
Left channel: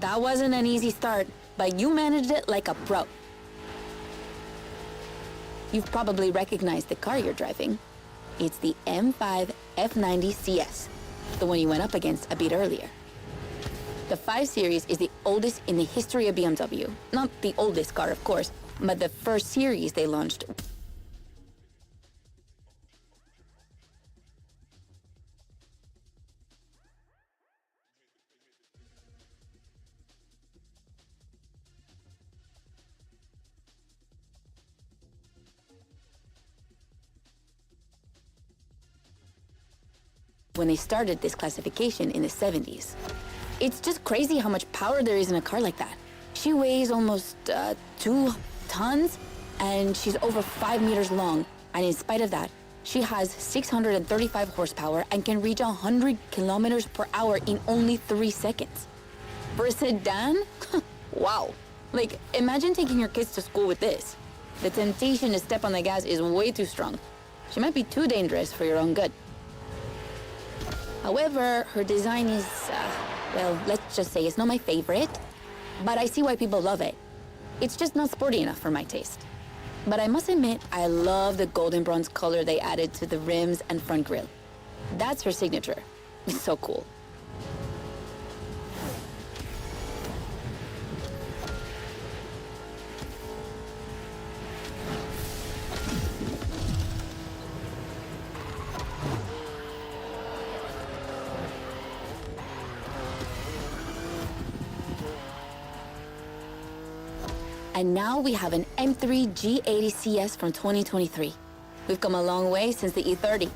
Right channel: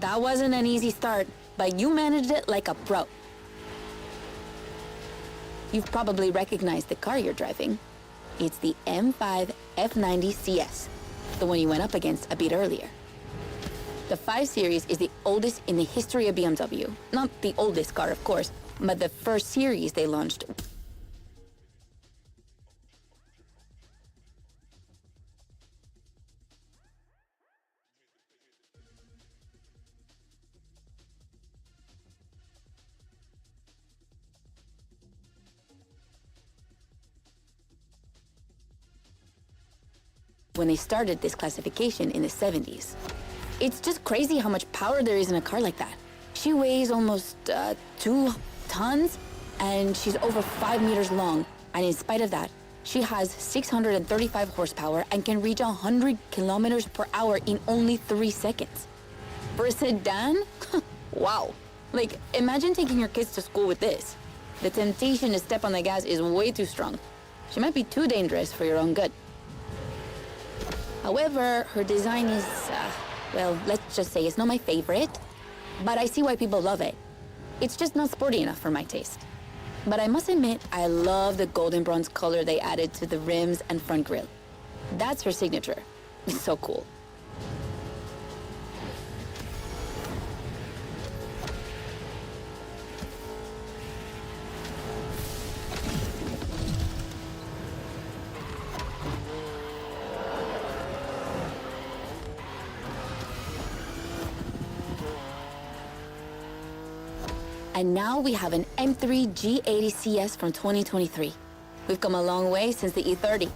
That wasn't an easy start, but you managed it like a pro. You've probably recognized the car you're driving. It's the M5 F90 CS, the one you went up against a bit earlier. The 5 Series is the oldest in the history of BMW. Not the oldest car, of course, but the first series they launched. when they started this classification in the 70s. It's just crazy how much power there is in a car like that. She weighs almost 2 tons, and she's over 5 meters long. And in spite of that, she has 635 horsepower and can reach 100 kilometers per hour in only 3 seconds. For a sedan? Wow. Like, imagine taking your kids to school with this. The temptation to step on the gas is way too strong. She might be too dangerous for your own good. However, her design is, well, let's just say it's not my favorite, but I see why people love it. It's just not sporty enough for my taste. But I must admit, I love the golden bronze color they added to the rims and front grille. That's her signature. It's so cool. And now we have an M3 G80 CS from 2023. We've come a long way since the E30.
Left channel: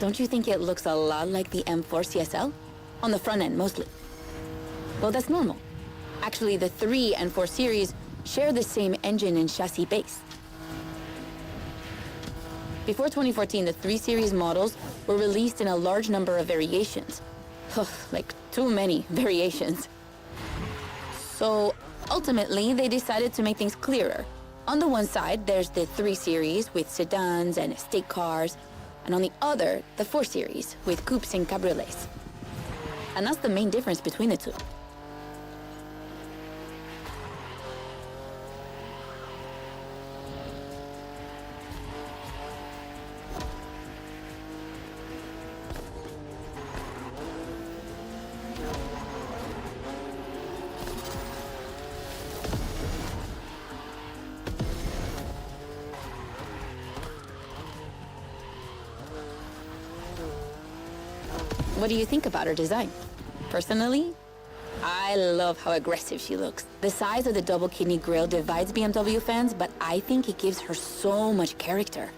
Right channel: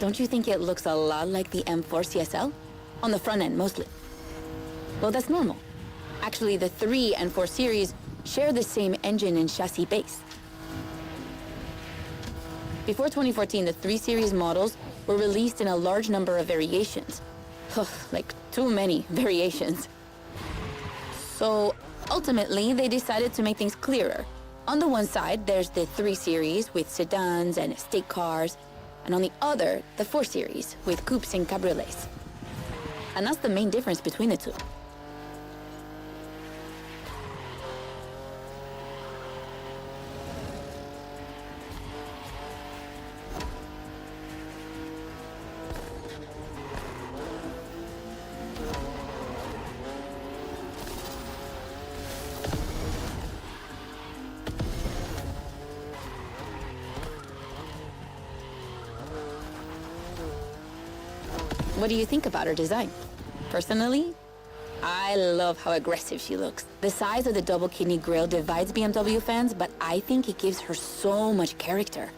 Don't you think it looks a lot like the M4 CSL? On the front end, mostly. Well, that's normal. Actually, the 3 and 4 series share the same engine and chassis base. Before 2014, the 3 series models were released in a large number of variations. Like, too many variations. So, ultimately, they decided to make things clearer. On the one side, there's the 3 series with sedans and estate cars, and on the other, the 4 series with coupes and cabriolets. And that's the main difference between the two. What do you think about her design? Personally, I love how aggressive she looks. The size of the double kidney grille divides BMW fans, but I think it gives her so much character.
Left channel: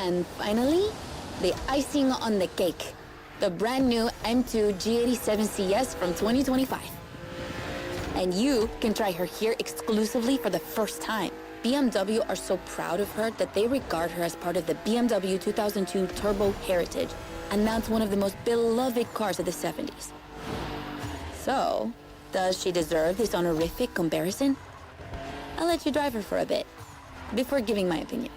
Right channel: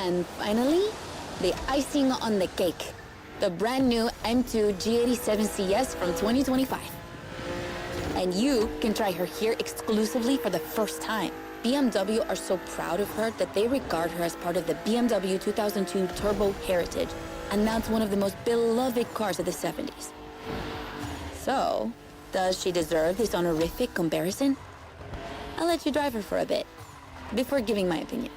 And finally, the icing on the cake. The brand new M2 G87 CS from 2025. And you can try her here exclusively for the first time. BMW are so proud of her that they regard her as part of the BMW 2002 Turbo Heritage, and that's one of the most beloved cars of the 70s. So, does she deserve this honorific comparison? I'll let you drive her for a bit, before giving my opinion.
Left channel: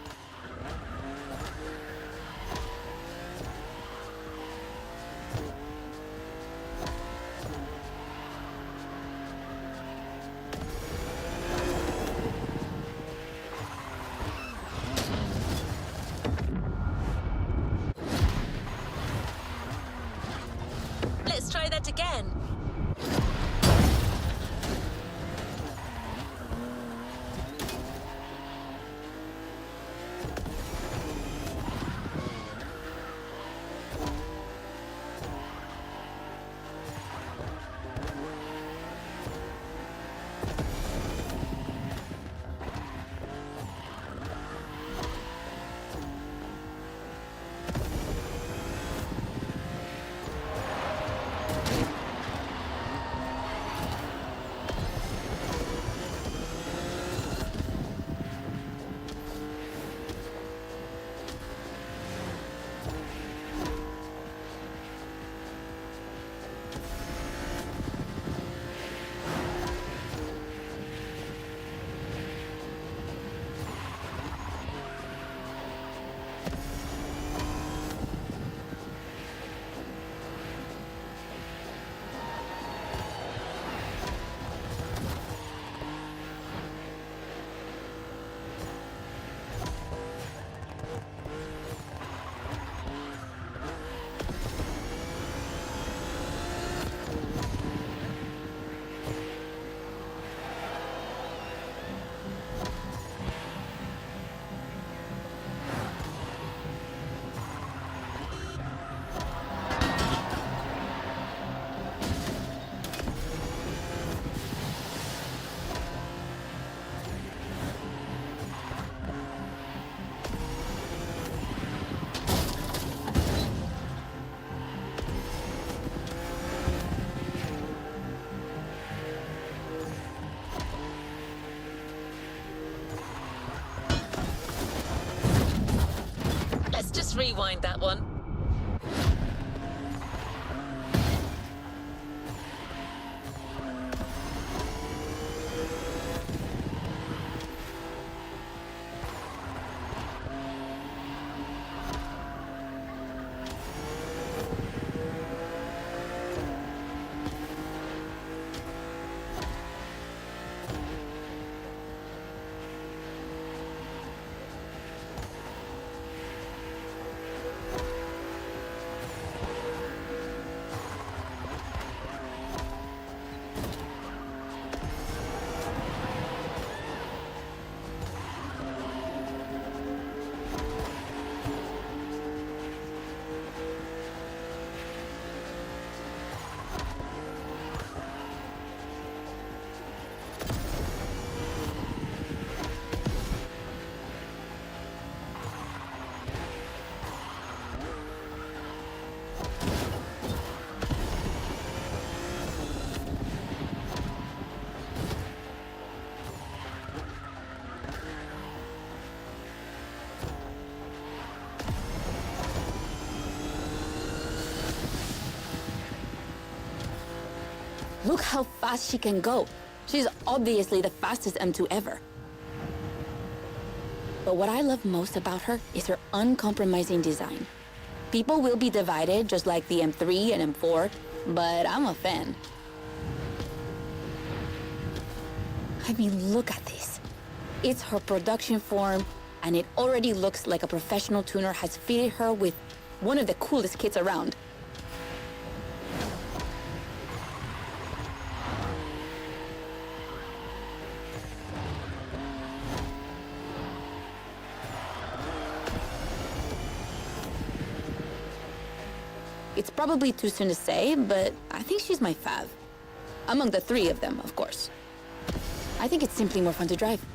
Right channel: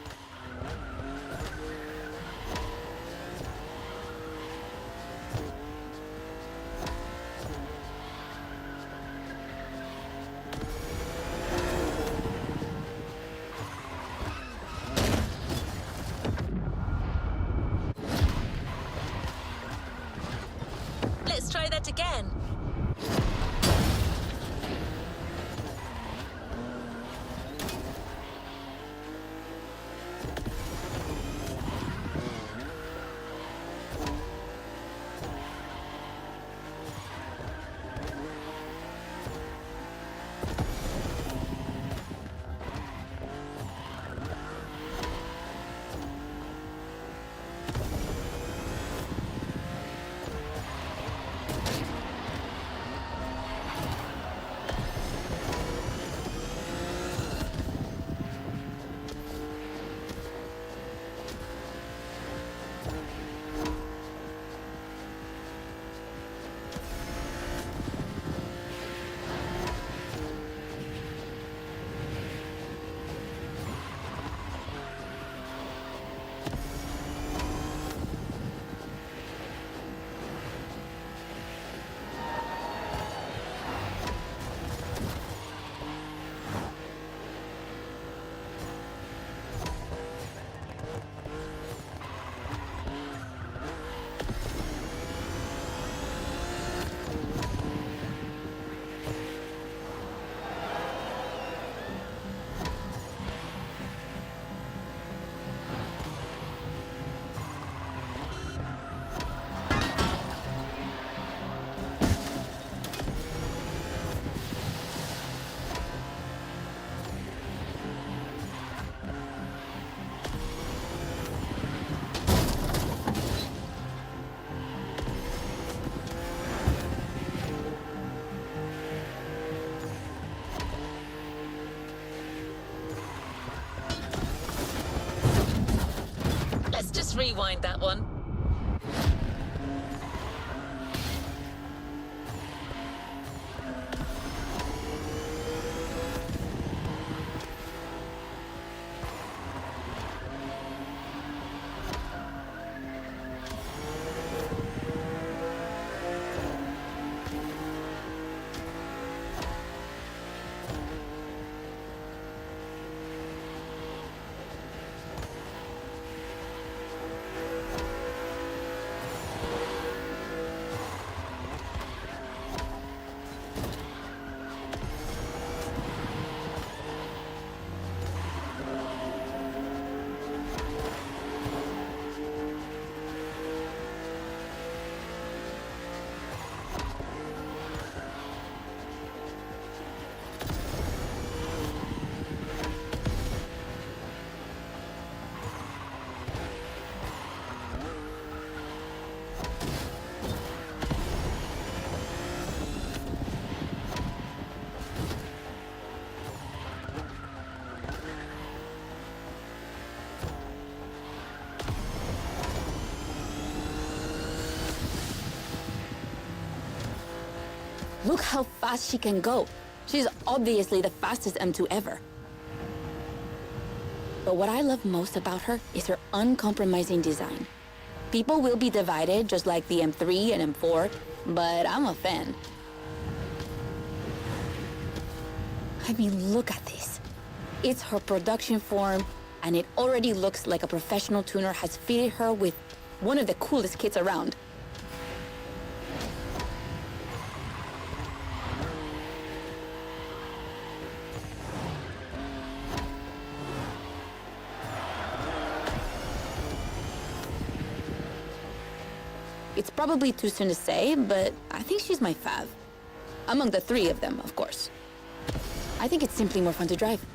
Let's try that again. Rewind that one. Look how fast she can go. She's obviously the fastest M2 ever. But what I love most about her is her uncompromising design. People will be divided just like the M3 and M4, but I'm a fan. I mean, look at this. It's her production form, and it already looks like a professional tuner has fitted her with one of the coolest kits around. It's probably too soon to say, but I think she's my fav. Among the three of them, of course. I think it's simply more fun to drive.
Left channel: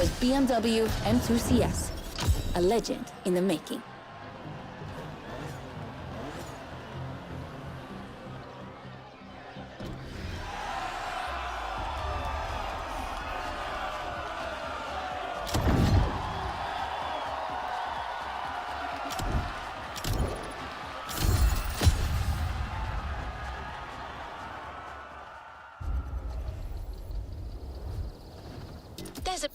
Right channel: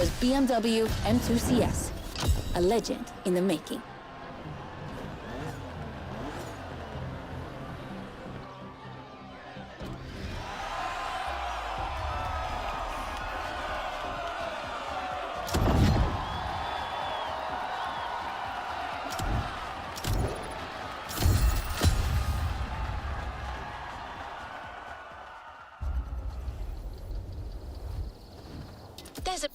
was BMW M2 CS, a legend in the making. There's a...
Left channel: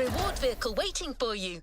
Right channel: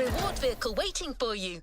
reward vehicle waiting for you.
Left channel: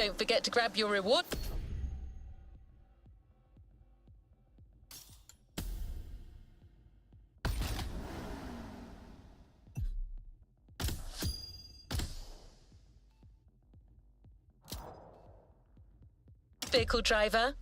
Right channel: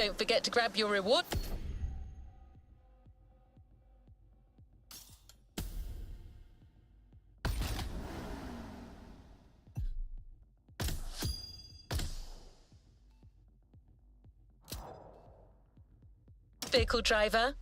Don't forget to grab your reward. Vehicle driver,